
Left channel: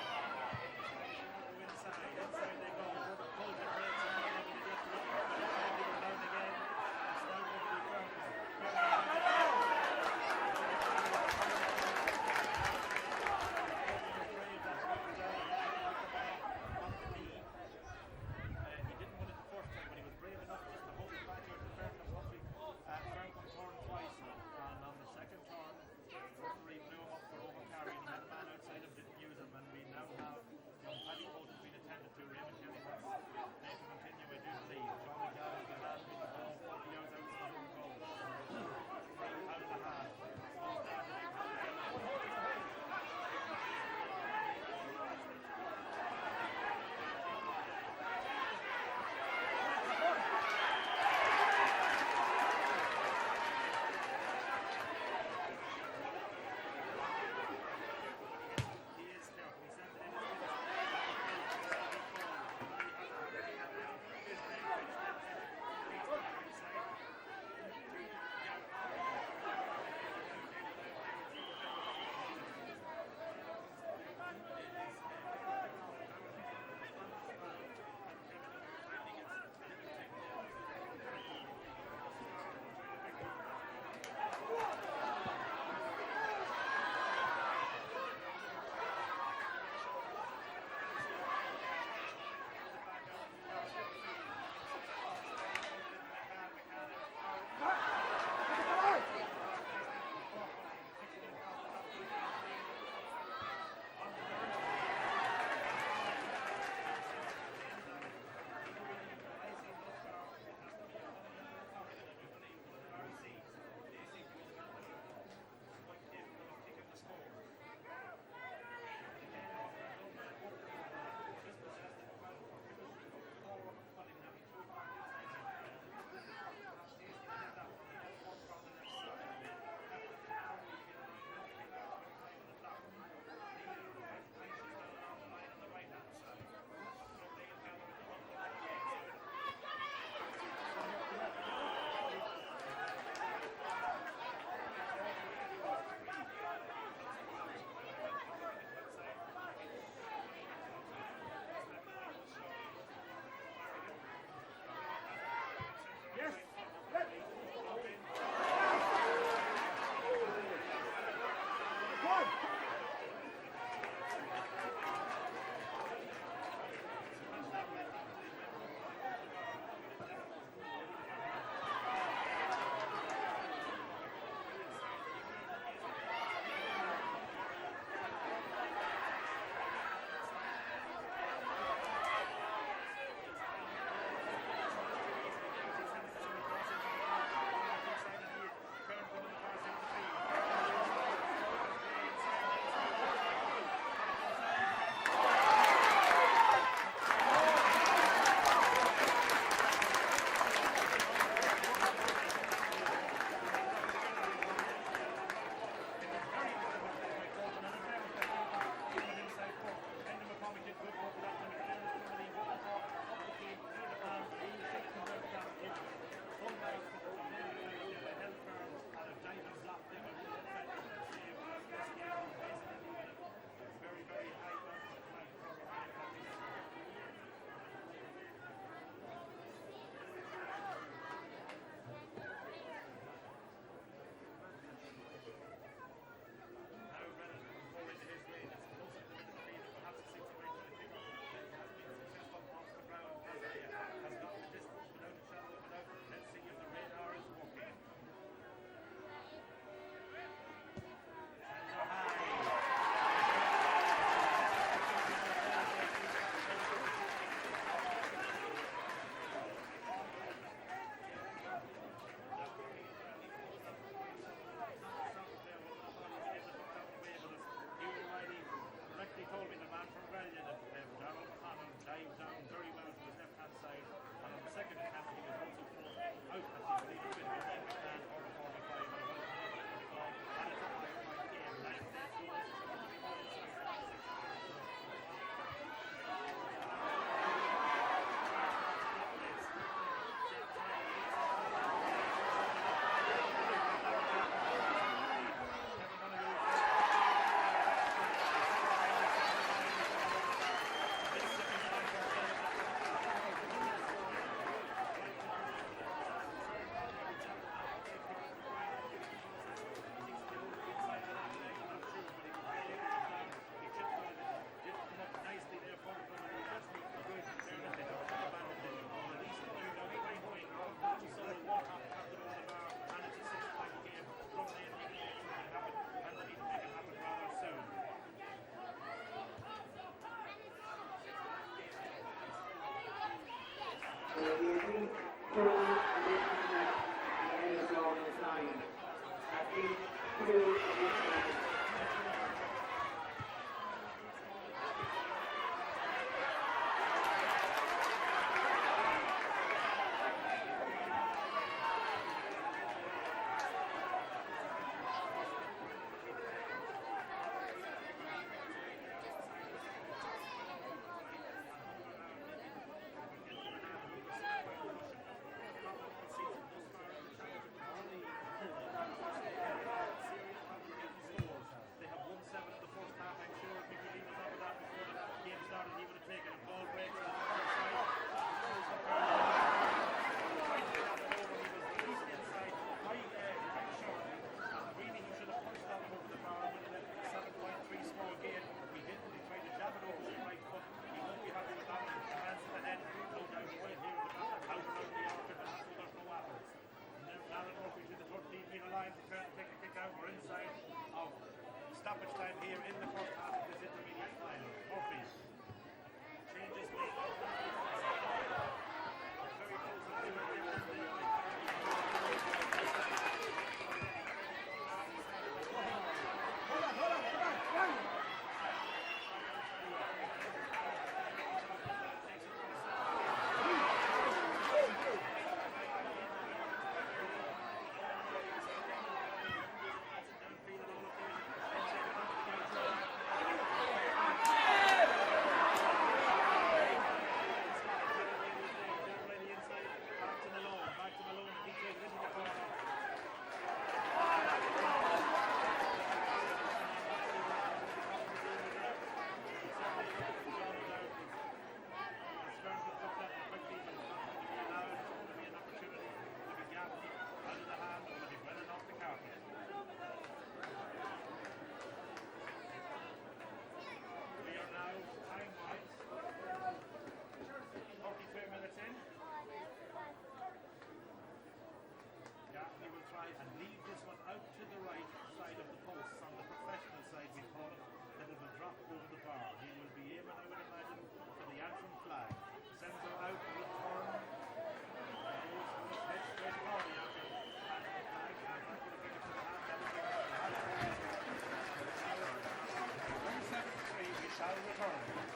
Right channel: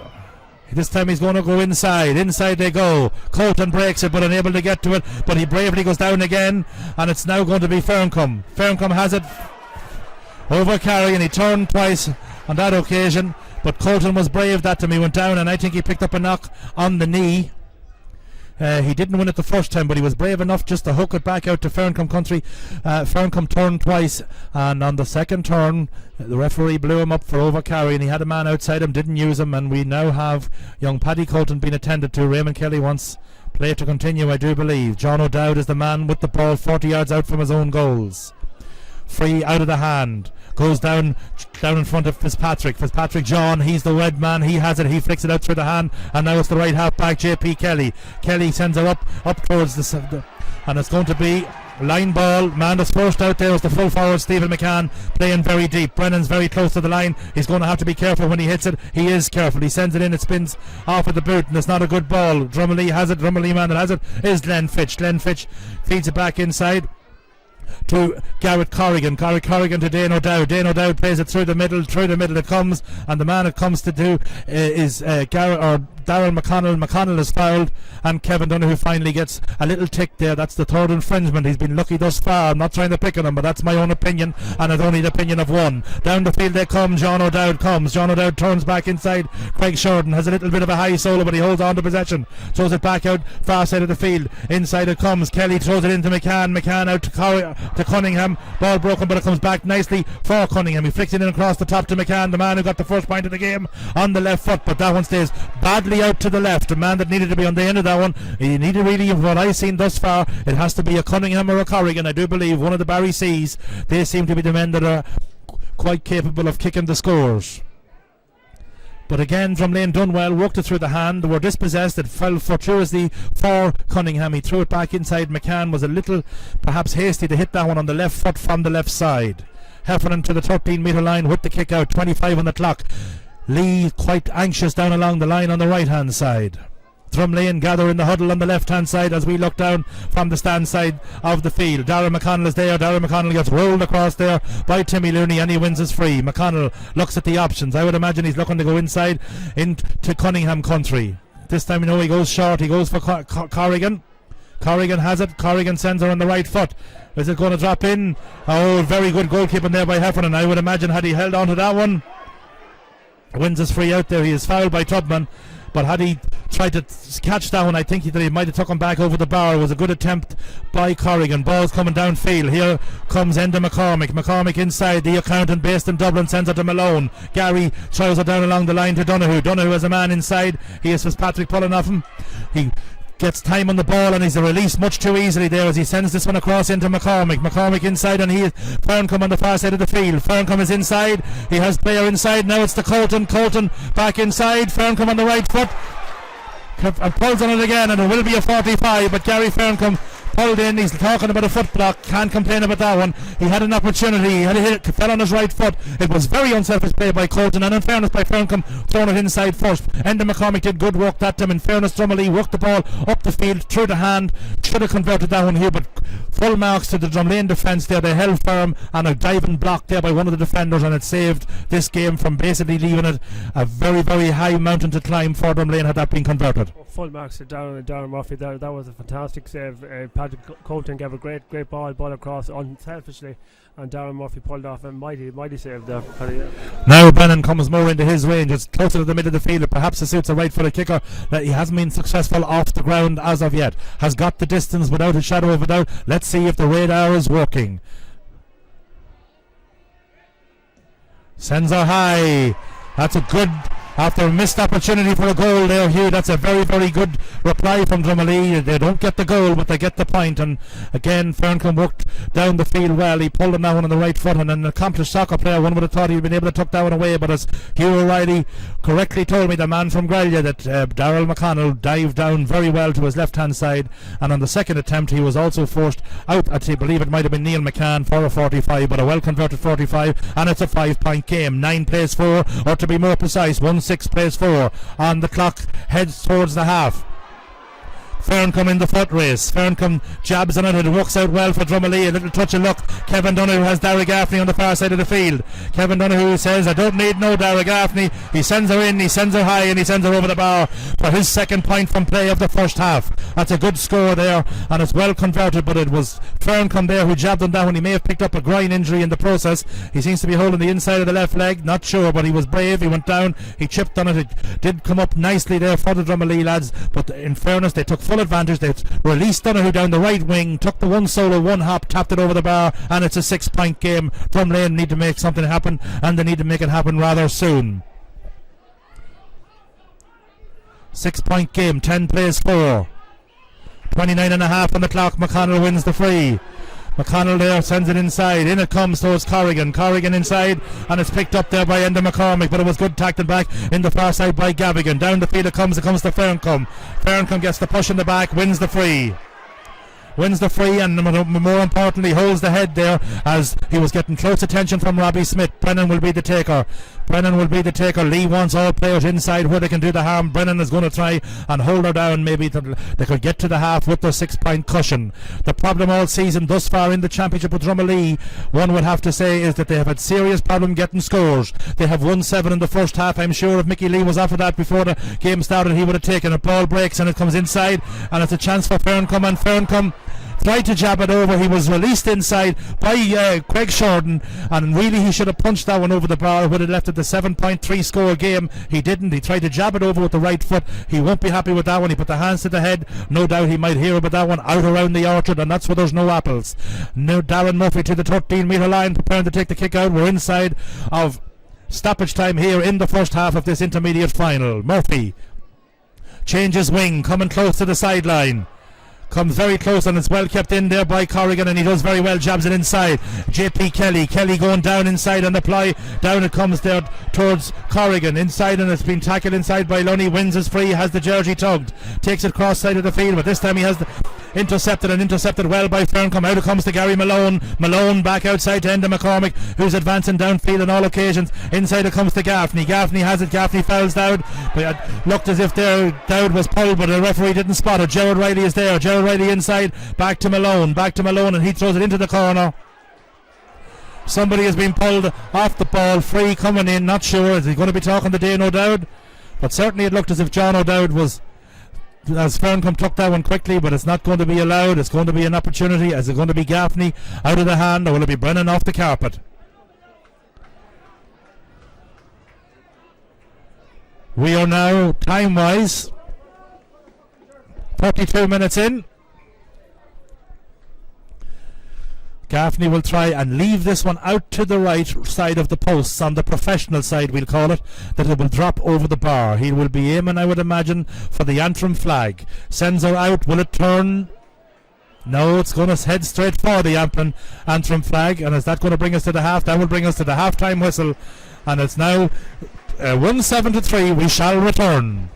This time he's going to go inside. Inside they go. Colton breaks it, but unable to get to it. But he bravely goes down again, and it's now going to be Ferncombe. Ferncombe has it over Carrigan. He turned twice on that occasion, but Colton was brave that time. He went down, and I think he picked up a knock on the knee. He didn't win it the first time, but he was brave enough just to hook it back out to Ferncombe Country. Ferncombe turned twice, and on the second turn the referee blew him up for overcarry, and he had a man outside him, didn't use him, and we now have young Paddy Colton being attended to. Raymond Kelly wants play to continue, I do believe. John O'Dowd is the man with the ball 40 yards out from his own goals. Free out of the hand. Goes down in front of Fitzpatrick. John, he's the red man. He has it. He flicks it out through the hand. And now it's the right half back, JP Kelly. Kelly sends her up towards the... And it's going to be a line ball. Man that's first out there is the full forward, Stephen McCann, playing very deep. Brennan's very close to the line. He's going to have to be careful when he hits it. He is careful. He sends it in. It spins off at the boot, and it's not a good ball. Drumalee has it. Drumalee man that has it is Glenn Fitch. Glenn Fitch feeds it back inside to Garrett Corrigan. Corrigan to Dane O'Dowd. Dane O'Dowd plays it through the middle it comes, and the man it comes to do is Darryl McConnell. McConnell is fouled, and Kevin Donoghue finally gets a little tick there. That's the third infringement. He's been lucky thus far. I'm not trying to pick on him, but that's my own opinion, and it's only the opinion of one. Down the field they come. John O'Dowd comes. John O'Dowd turns back inside. Craig Sheridan has a little bit of a high solo, but he holds on to possession. Throws it back out far side of the field. Inside it comes. Kelly throws it into McCann. McCann out to Cunningham. Ball broken, but it comes back nicely for Cunningham. He flicks it in across the top to McCann, the man who got the first point of the game, on the left foot, but that one stays badly out to the left. The man that needed to be on the end of that one, he needed really, what I've seen thus far, it has to be a Cunningham or a Corrigan. I do believe one of the Barry C's. They seem to be the men that are quite capable of kicking the scores. But again, Drumlane done well, worked it through the hand. They were dispossessed. It fell fortuitously for Cunningham. He threw it back inside. McCann was a little perhaps hasty to hit that one on the left foot from the left side. Heffernan to the 13-metre line with the kick out. 25 on the clock. Lee quite anxious down along the line on the right hand side. Drumlane gather in the huddle on the left hand side as we look down from the stand side of the field. Darragh McConnell is there. Darragh McConnell gets rolled across there by Timmy Looney, and he wins his free. McConnell looks at the options. I would imagine he's looking to go inside into Cunningham country. This time, he goes short. He goes for Corrigan. Corrigan has it. Corrigan sends her on the right foot. Is it going to drop in? Oh, very good goalkeeping there by Heffernan. I would imagine had he held on to that one, wins his free out there. He is fouled by Tubman, but had he tried to catch that one, I think that he might have took him back over the bar. It was a good attempt by Corrigan. Ball's coming downfield. Here comes Enda McCormick. McCormick inside. The accountant based in Dublin sends it to Malone. Gary throws it down along the line to Donoghue. Donoghue has a man inside. He is Fitzpatrick pulling off him. He gets time on the ball, and he's released much too easily there as he sends this one across into McCormick. McCormick inside, and Ferncombe on the far side of the field. Ferncombe is inside. He has player inside. Now it's to Colton. Colton back inside. Ferncombe on the right foot and pulls on it again, and it will be a 45, but Gary Ferncombe pulled in. He's talking about a foot block. Can't complain about that one. He had an opportunity. He had a hit. Fell on his right foot. It was very unselfish play by Colton, and in fairness by Ferncombe, throwing it inside first. Enda McCormick did good work that time. In fairness, Drumalee worked the ball up the field through the hand. Should have converted that one here, but full marks to the Drumlane defence there. They held firm, and a diving block there by one of the defenders, and it saved this game from basically leaving it a very, very high mountain to climb for Drumlane had that been converted. Full marks to Darren Murphy there. That was a fantastic save. Patrick Colton gave a great ball across unselfishly, and Darren Murphy pulled off a mighty save there. Now Brennan comes more into his range. It's closer to the middle of the field. Perhaps it suits a right-footed kicker that he hasn't been successful off the ground as of yet. Has got the distance without a shadow of a doubt. Let's see if the radar is working. Sends her high. That's a good... After a missed opportunity for a goal there, Hugh, that's a very, very good reply from Drumalee. They don't get the goal, but they get the point. And again, Ferncombe worked down the field well. He pulled him that one on the right foot, and an accomplished soccer player, one would have thought he'd been able to tuck that one away. But as Hugh O'Reilly correctly told me, the man from Grellia, that Darryl McConnell dived down very well to his left-hand side. And on the second attempt, he was also forced out. I believe it might have been Neil McCann for a 45, but a well-converted 45. And it's a 5-point game. 9 plays 4, or to be more precise, 1-6 plays 4 on the clock, heads towards the half. Ferncombe in the foot race. Ferncombe jabs on it. It works out well for Drumalee. A little touch of luck. Kevin Donoghue has Darragh Gaffney on the far side of the field. Kevin Donoghue says, I don't need no Darragh Gaffney. He sends her in, he sends her high, and he sends her over the bar for his second point from play of the first half. That's a good score there, and it's well converted, but it was Ferncombe there who jabbed him down. He may have picked up a groin injury in the process. He seems to be holding the inside of the left leg. Not sure, but he was brave. He went down. He chipped on it. It did come up nicely there for the Drumalee lads, but in fairness, they took full advantage. They've released Donoghue down the right wing, took the one solo, one hop, tapped it over the bar, and it's a 6-point game. Drumlane need to make something happen, and they need to make it happen rather soon. 6-point game, 10 plays 4. 29.5 on the clock. McConnell wins the free. McConnell there sends it inside. In it comes towards Corrigan. Corrigan inside, and it's picked up there by Enda McCormick, but it was good tackled back in the far side by Gavigan. Down the field it comes to Ferncombe. Ferncombe gets the push in the back, wins the free. And more importantly holds the head there as he was getting close attention from Robbie Smith. Brennan will be the taker. Lee wants all players inside where they can do the harm. Brennan is going to try and hold her down. Maybe they could get to the half with their 6-point cushion. The problem all season thus far in the championship with Drumalee, one would have to say, is that they have had serious problem getting scores. They have won 7 in the first half. I'm sure if Mickey Lee was offered that before the game started, he would have taken it. Ball breaks and it comes inside, and it's a chance for Ferncombe, and Ferncombe tried to jab it over. He was released inside by Craig Shorten, and really he should have punched that one over the bar. Would have left it the 7.3 score game. He didn't. He tried to jab it over with the right foot. He won't be happy with that one. He put the hands to the head. No doubt he might hear about that one out around the orchard, and that's where there's no apples. Now Darren Murphy to the 13-metre line, preparing to take the kick out. We're inside of stoppage time here in the first half of this intermediate final. Murphy changes wing, coming close to the sideline. Comes very close, and it's well kept in there by Corrigan, and he does very well, jabs it inside. JP Kelly going down inside on the ply. Down it comes there towards Corrigan inside, and it's been tackled inside by Lunny. Wins his free, has the jersey tugged, takes it cross side of the field, but this time he has intercepted well by Ferncombe. Out it comes to Gary Malone. Malone back outside to Enda McCormick, who's advancing downfield on all occasions. Inside it comes to Gaffney. Gaffney has it. Gaffney fouls Dowd. It looked as if Dowd was pulled, but the referee didn't spot it. Gerard Riley is there. Gerard Riley inside, back to Malone, and he throws it into the corner. Somebody has been pulled off the ball. Free coming in, not sure. Is he going to be talking to Dane O'Dowd? But certainly it looked as if John O'Dowd was, as Ferncombe took that one quickly, but it's not going to be allowed. It's going to be an opportunity. Is it going to be Gaffney out of the hand, or will it be Brennan off the carpet? We are now, time-wise, 32 minutes in. Gaffney will try and leave this one out to the right side of the posts, on the professional side we'll call it, that it will drop over the bar. He will be aiming, I would imagine, for the Antrim flag. Sends her out. Will it turn? No, it's going to head straight for the Antrim flag. And is that going to bring us to the half? That will bring us to the half-time whistle. And it's now 1-7-3. We shall return.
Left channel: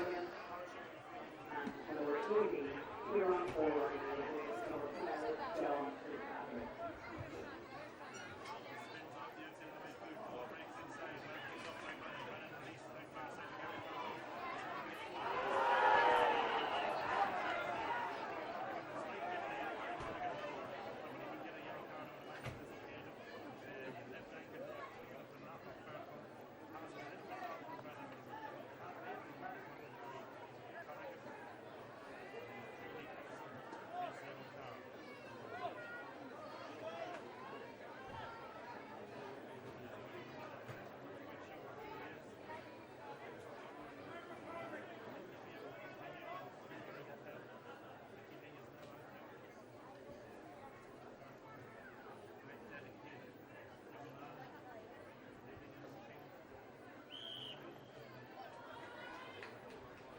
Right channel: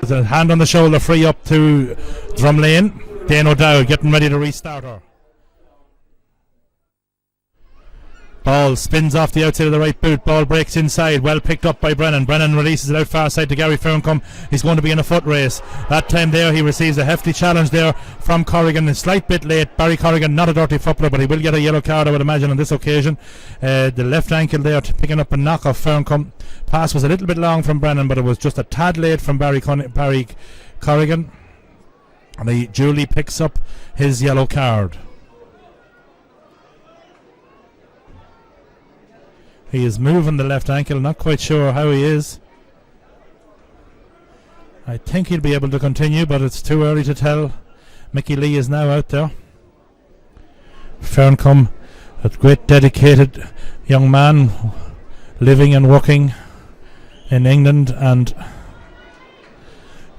There's a hand on the shoulder, free up to Drumlane. Dane O'Dowd getting ready to restart her. Ball spins off the outside of the right boot. Ball breaks inside. Well picked up by Brennan. Brennan releases it out far side to Gary Ferncombe. He's going to be in a foot race. That time there he receives a hefty challenge there from Corrigan. A slight bit late. Barry Corrigan, not a dirty footballer, but he will get a yellow card, I would imagine, on this occasion. The left ankle there picking up a knock off Ferncombe. Pass was a little bit long from Brennan, but it was just a tad late from Barry Corrigan. And he duly picks up his yellow card. He is moving the left ankle, not quite sure how he is. I think he'll be able to continue, but it's too early to tell. Mickey Lee is now out there. Ferncombe, a great dedicated young man, living and working in England and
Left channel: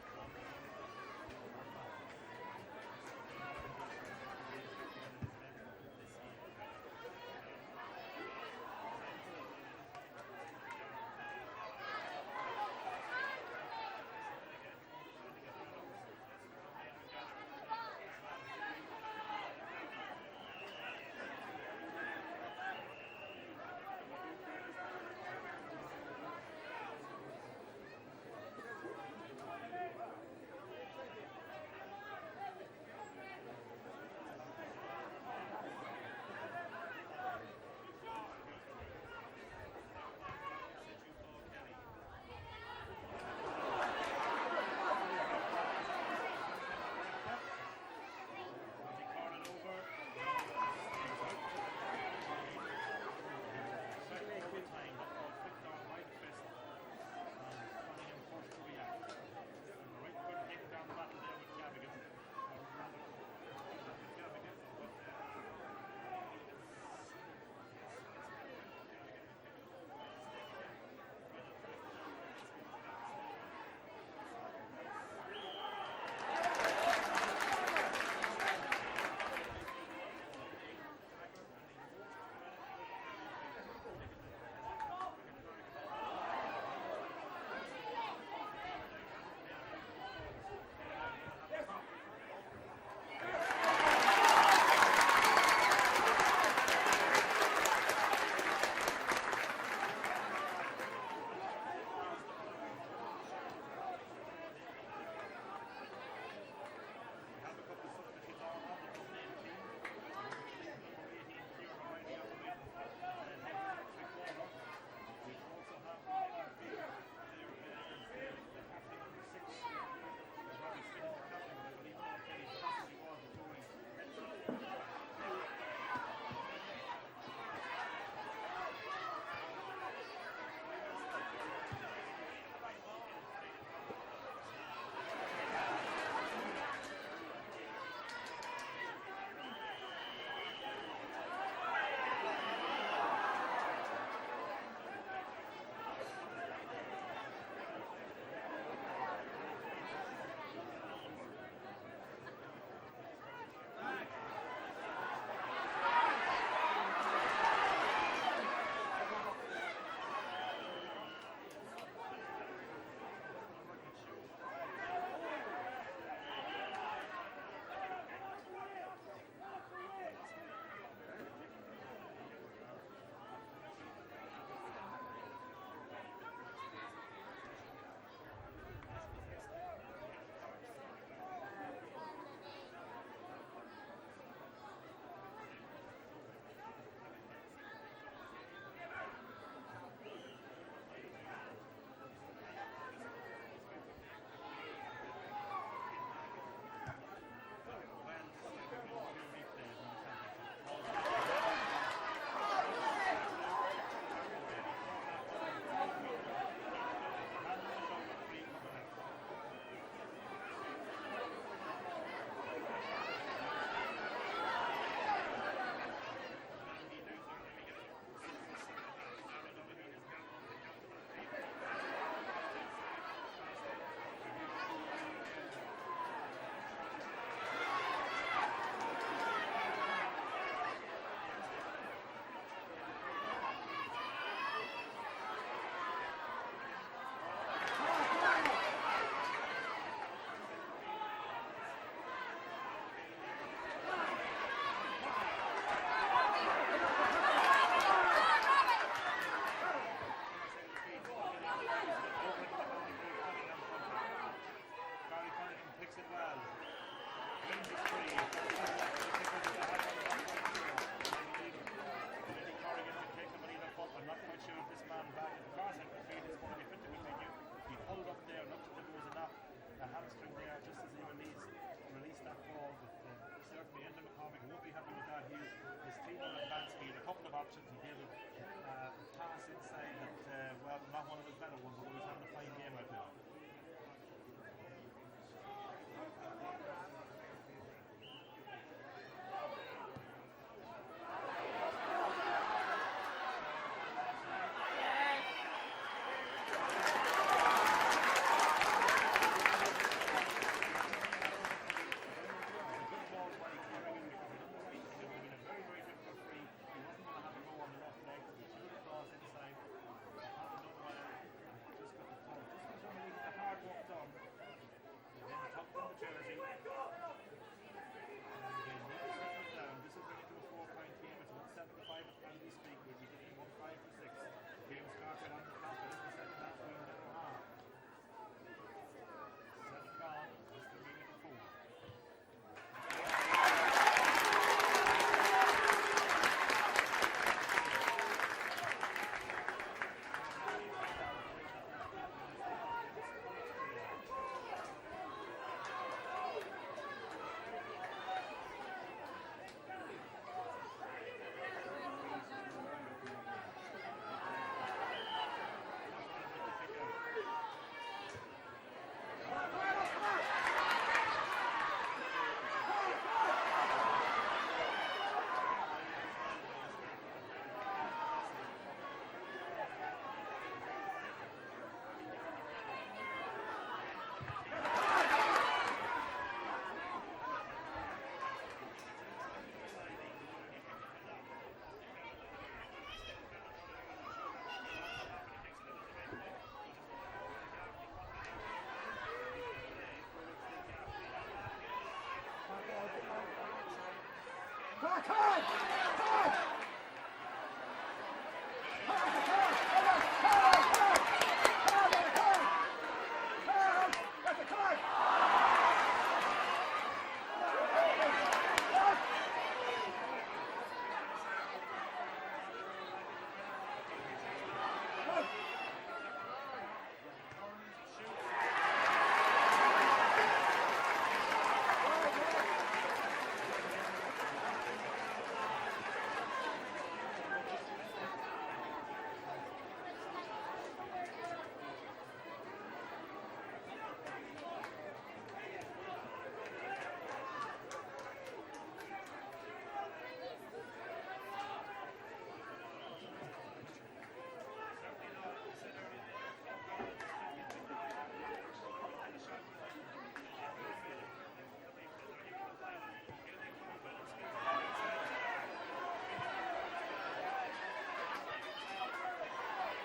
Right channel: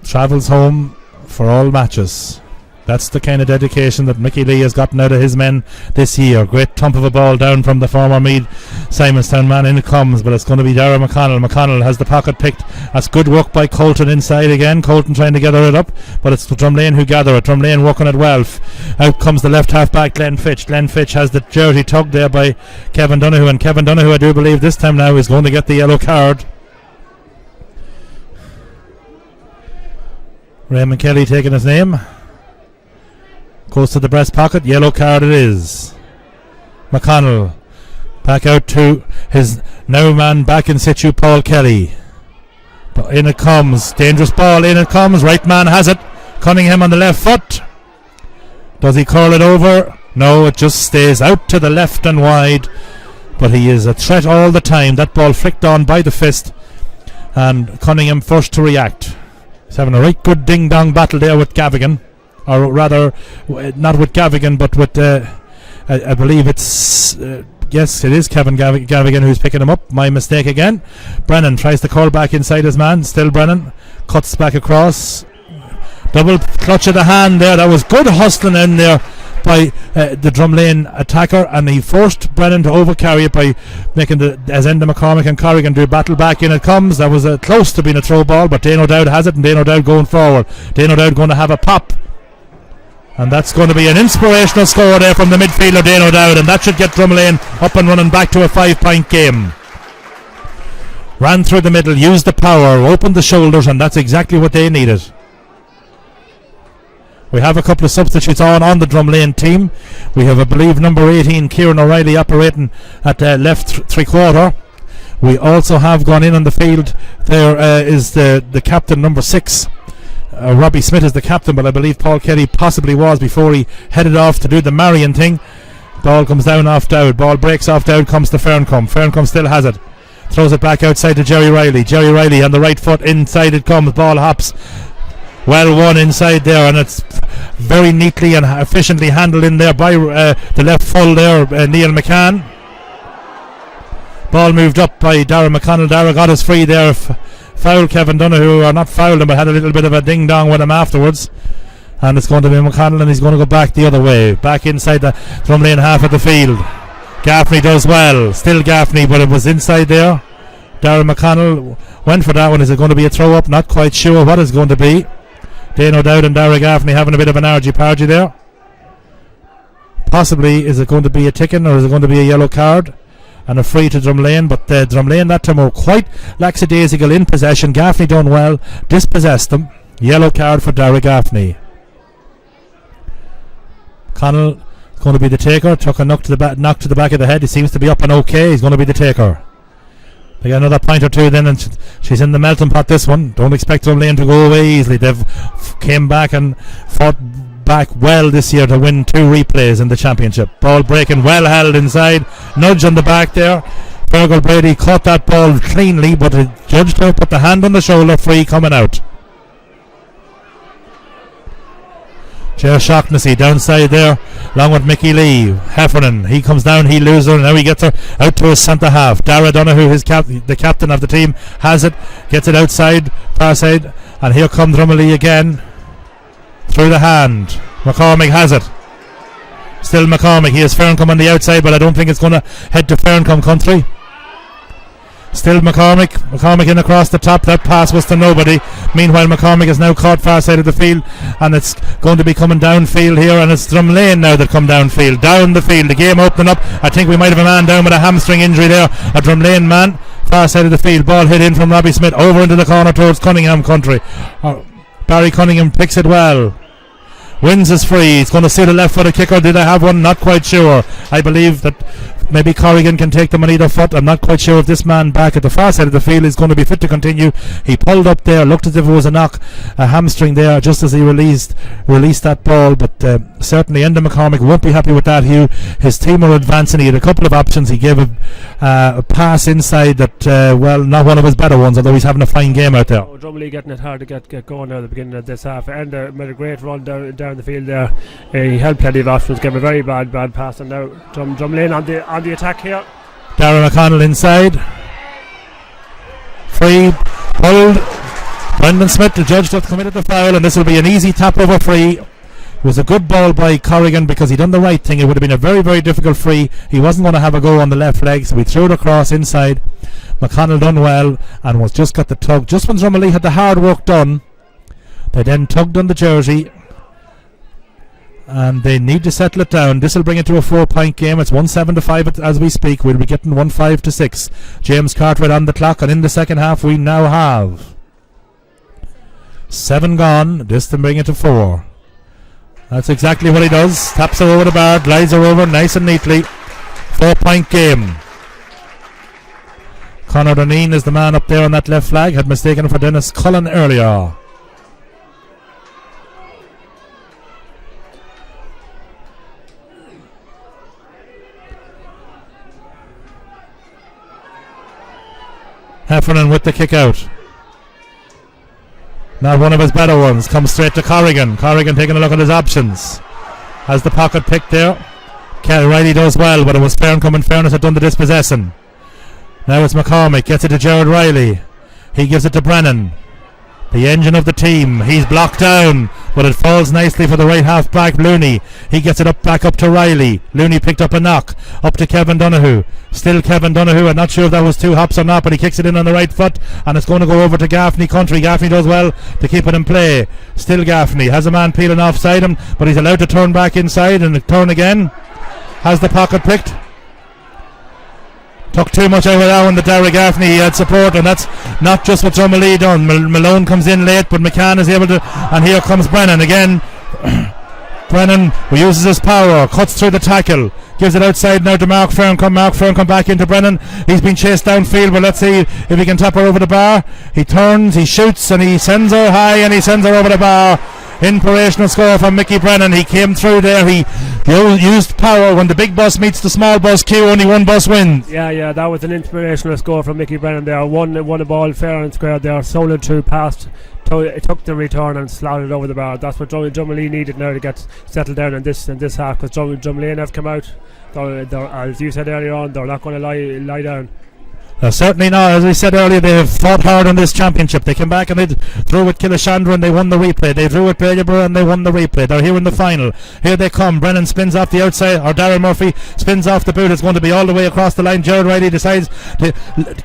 travels home for all matches. That's the kind of dedication that Mickey Lee has gotten out of his men this year. Great thump of a ball down from the former Meath Simonstown man. In it comes, but it's going to be Dara McConnell. McConnell has the pocket picked. That's good work by Colton inside again. Colton trying to gather it up, but it's Drumlane who gather it. Drumlane working it well. Out comes the left half back, Glenn Fitch. Glenn Fitch has the jersey tugged there by Kevin Donoghue, and Kevin Donoghue, I do believe this time now, is going to get the yellow card. Raymond Kelly taking his name. Goes to the breast pocket. Yellow card it is. McConnell back out to his now man back in situ, Paul Kelly. But in it comes. Dangerous ball. In it comes. Right man has it. Cunningham on the left foot. Does he curl it over? No, it just stays out to the left and wide. But he is a threat all the time. That ball flicked on by the fist. And Cunningham first to react. He's having a right good ding-dong battle there with Gavigan. Or rather, not with Gavigan, but with, I believe it's, yes, it is Kevin Gavigan who's picking him up. My mistake again. Brennan tries to call back inside his man. Still Brennan. Cuts back across. Double clutch of the hand there. That was good hustling in there by the Drumlane attacker, and he forced Brennan to overcarry it by making as Enda McCormick and Corrigan do battle back. In it comes. That was close to being a throw ball, but Dane O'Dowd has it, and Dane O'Dowd going forward. Dane O'Dowd going to have a pop. And that's going to be an inspirational score there from the midfielder Dane O'Dowd, and that should get Drumlane up and running back to a 5-point game. Ran through the middle, used the power, opened the shoulders, and that's exactly what they needed. We have a couple of substitutes on the Drumlane team. We have, I believe, number 18, Kieran O'Reilly, operating at left three-quarter. We also have gone in on the field. There is the captain, number 6. Robbie Smith is the captain, but I believe Paul Kelly possibly was before he headed off to do the Marion thing. Ball comes down off Dowd. Ball breaks off Dowd, comes to Ferncombe. Ferncombe still has it. Throws it back outside to Jerry Riley. Jerry Riley on the right foot. Inside it comes. Ball hops. Well won inside there, and it's very neatly and efficiently handled in there by the left full there, Neil McCann. Ball moved up by Dara McConnell. Dara got us free there. Foul Kevin Donoghue, or not fouled him, but had a little bit of a ding-dong with him afterwards. And it's going to be McConnell, and he's going to go back the other way. Back inside the Drumlane half of the field. Gaffney does well. Still Gaffney, but it was inside there. Darren McConnell went for that one. Is it going to be a throw-up? Not quite sure what it's going to be. Dane O'Dowd and Dara Gaffney having a bit of an argy-pargy there. Possibly, is it going to be a ticking, or is it going to be a yellow card? And a free to Drumlane, but Drumlane that time were quite lackadaisical in possession. Gaffney done well, dispossessed them. Yellow card for Dara Gaffney. Connell is going to be the taker. Took a knock to the back of the head. He seems to be up and okay. He's going to be the taker. They got another point or two then, and she's in the melting pot, this one. Don't expect Drumlane to go away easily. They've came back and fought back well this year to win 2 replays in the championship. Ball breaking, well held inside. Nudge on the back there. Fergal Brady caught that ball cleanly, but the judge to put the hand on the shoulder, free coming out. Ger Shaughnessy downside there, along with Mickey Lee. Heffernan, he comes down, he loses her, and now he gets her out to his centre half. Dara Donoghue, the captain of the team, has it, gets it outside, far side, and here comes Drumalee again. Through the hand. McCormick has it. Still McCormick. He has Ferncombe on the outside, but I don't think it's going to head to Ferncombe country. Still McCormick. McCormick in across the top. That pass was to nobody. Meanwhile, McCormick is now caught far side of the field, and it's going to be coming downfield here, and it's Drumlane now that come downfield. Down the field. The game opening up. I think we might have a man down with a hamstring injury there. A Drumlane man. Far side of the field. Ball hit in from Robbie Smith over into the corner towards Cunningham country. Barry Cunningham picks it well. Wins is free. He's going to see the left footed kicker. Did I have one? Not quite sure. I believe that maybe Corrigan can take them on either foot. I'm not quite sure if this man back at the far side of the field is going to be fit to continue. He pulled up there, looked as if it was a hamstring there just as he released that ball, but certainly Enda McCormick won't be happy with that, Hugh. His team are advancing. He had a couple of options. He gave a pass inside that, not one of his better ones, although he's having a fine game out there. Drumalee getting it hard to get going now at the beginning of this half. Enda made a great run down the field there. He had plenty of options, gave a very bad pass, and now Drumalee on the attack here. Darren McConnell inside. Free, pulled. Brendan Smith, the judge, that committed the foul, and this will be an easy tap over free. It was a good ball by Corrigan because he done the right thing. It would have been a very, very difficult free. He wasn't going to have a go on the left leg, so he threw it across inside. McConnell done well and was just got the tug. Just when Drumalee had the hard work done, they then tugged on the jersey, and they need to settle it down. This will bring it to a 4-point game. It's 1-7-5 as we speak. We'll be getting 1-5-6. James Cartwright on the clock, and in the second half we now have 7 gone. This to bring it to 4. That's exactly what he does. Taps her over the bar, glides her over nice and neatly. 4-point game. Conor Doneen is the man up there on that left flag. Had mistaken for Dennis Cullen earlier. Heffernan with the kick out. Not one of his better ones. Comes straight to Corrigan. Corrigan taking a look at his options. Has the pocket picked there. Riley does well, but it was Ferncombe and Fairness had done the dispossessing. Now it's McCormick. Gets it to Gerard Riley. He gives it to Brennan. The engine of the team. He's blocked down, but it falls nicely for the right half back, Looney. He gets it back up to Riley. Looney picked up a knock. Up to Kevin Donoghue. Still Kevin Donoghue. I'm not sure if that was 2 hops or not, but he kicks it in on the right foot, and it's going to go over to Gaffney country. Gaffney does well to keep it in play. Still Gaffney. Has a man peeling offside him, but he's allowed to turn back inside and turn again. Has the pocket picked. Took too much out of that one, the Derek Gaffney. He had support, and that's not just what Drumalee done. Malone comes in late, but McCann is able to, and here comes Brennan again. Brennan, who uses his power, cuts through the tackle, gives it outside now to Mark Ferncombe. Mark Ferncombe back into Brennan. He's been chased downfield, but let's see if he can tap her over the bar. He turns, he shoots, and he sends her high, and he sends her over the bar. Inspirational score from Mickey Brennan. He came through there. He used power. When the big bus meets the small bus queue, only one bus wins. Yeah, that was an inspirational score from Mickey Brennan there. Won a ball fair and square there. Solid through past. Took the return and slotted over the bar. That's what Drumalee needed now to get settled down in this half, because Drumalee have come out. They're, as you said earlier on, they're not going to lie down. Certainly not. As I said earlier, they have fought hard on this championship. They came back and they drew with Killashandra and they won the replay. They drew with Peterborough and they won the replay. They're here in the final. Here they come. Brennan spins off the outside, or Darren Murphy spins off the boot. It's going to be all the way across the line. Gerard Riley decides to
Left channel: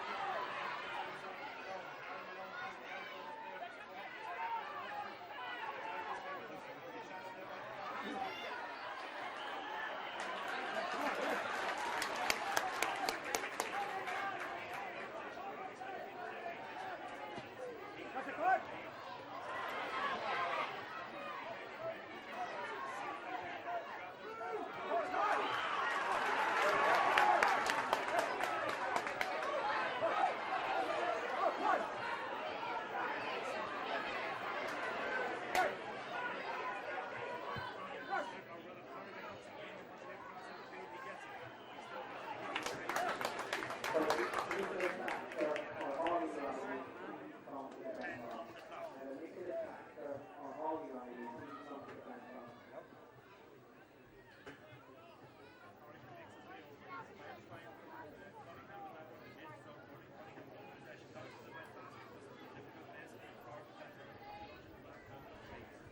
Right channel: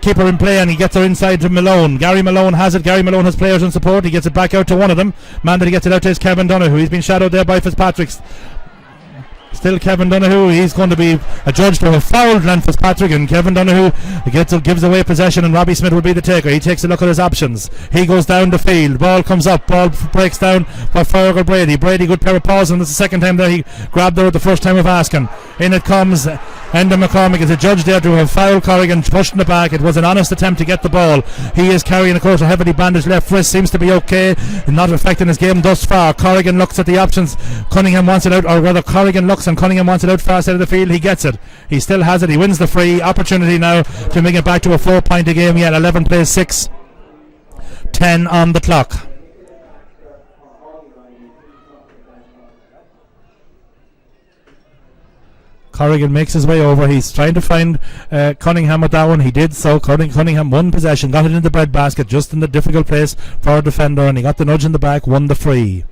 keep her in play, and he gets her inside to Malone. Gary Malone has it. Gary Malone has players in support. He gets it back out to one of them. Man that he gets it out to is Kevin Donoghue. He's been shadowed there by Fitzpatrick. Still Kevin Donoghue. He's going to be adjudged to have fouled Glenn Fitzpatrick, and Kevin Donoghue gives away possession, and Robbie Smith will be the taker. He takes a look at his options. He goes down the field. Ball comes up. Ball breaks down for Fergal Brady. Brady, good pair of paws, and it's the second time there he grabbed her at the first time of asking. In it comes Enda McCormick is adjudged there to have fouled Corrigan, pushed in the back. It was an honest attempt to get the ball. He is carrying, of course, a heavily bandaged left wrist. Seems to be okay, not affecting his game thus far. Corrigan looks at the options. Cunningham wants it out, or rather Corrigan looks and Cunningham wants it out far side of the field. He gets it. He still has it. He wins the free. Opportunity now to make it back to a 4-point a game yet. 11 plays 6. 10 on the clock. Corrigan makes his way over. He's trying to find Cunningham with that one. He did so. Cunningham won possession, got it in the breadbasket, just in the difficult place for a defender, and he got the nudge in the back, won the free.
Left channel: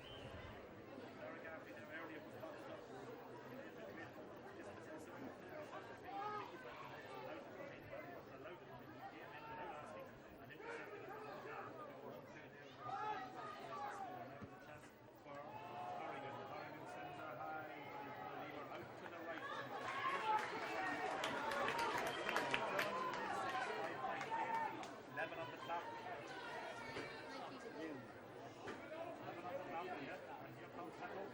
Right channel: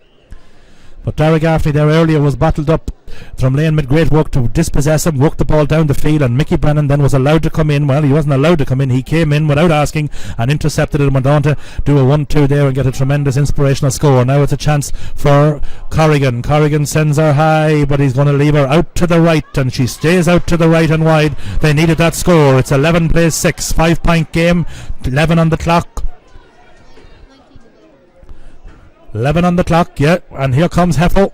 But Dara Gaffney there earlier was bottled up. Drumlane made great work to dispossess him, work the ball down the field, and Mickey Brennan then was allowed to come in. Well, he wasn't allowed to come in. He came in without asking and intercepted it and went on to do a 1-2 there and get a tremendous inspirational score. Now it's a chance for Corrigan. Corrigan sends her high, but he's going to leave her out to the right, and she stays out to the right and wide. They needed that score. It's 11 plays 6, 5-point game, 11 on the clock. 11 on the clock, yeah, and here comes Heffel.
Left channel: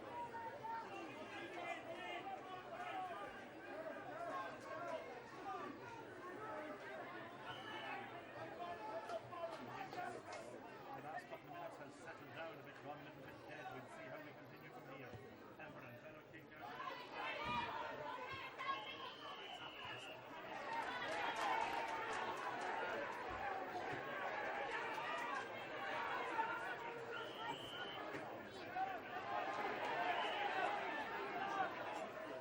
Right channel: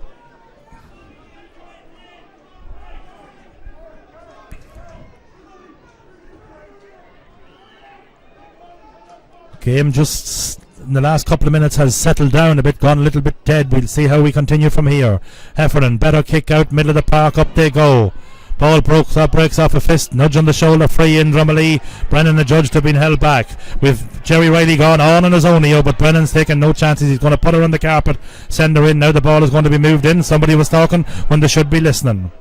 Game just in the last couple of minutes has settled down a bit, gone a little bit dead. We'll see how we continue from here. Heffernan, better kick out, middle of the park, up they go. Ball breaks off a fist, nudge on the shoulder, free in Drumalee. Brennan adjudged to have been held back. With Jerry Riley gone on his own here, but Brennan's taking no chances. He's going to put her on the carpet, send her in. Now the ball is going to be moved in. Somebody was talking when they should be listening.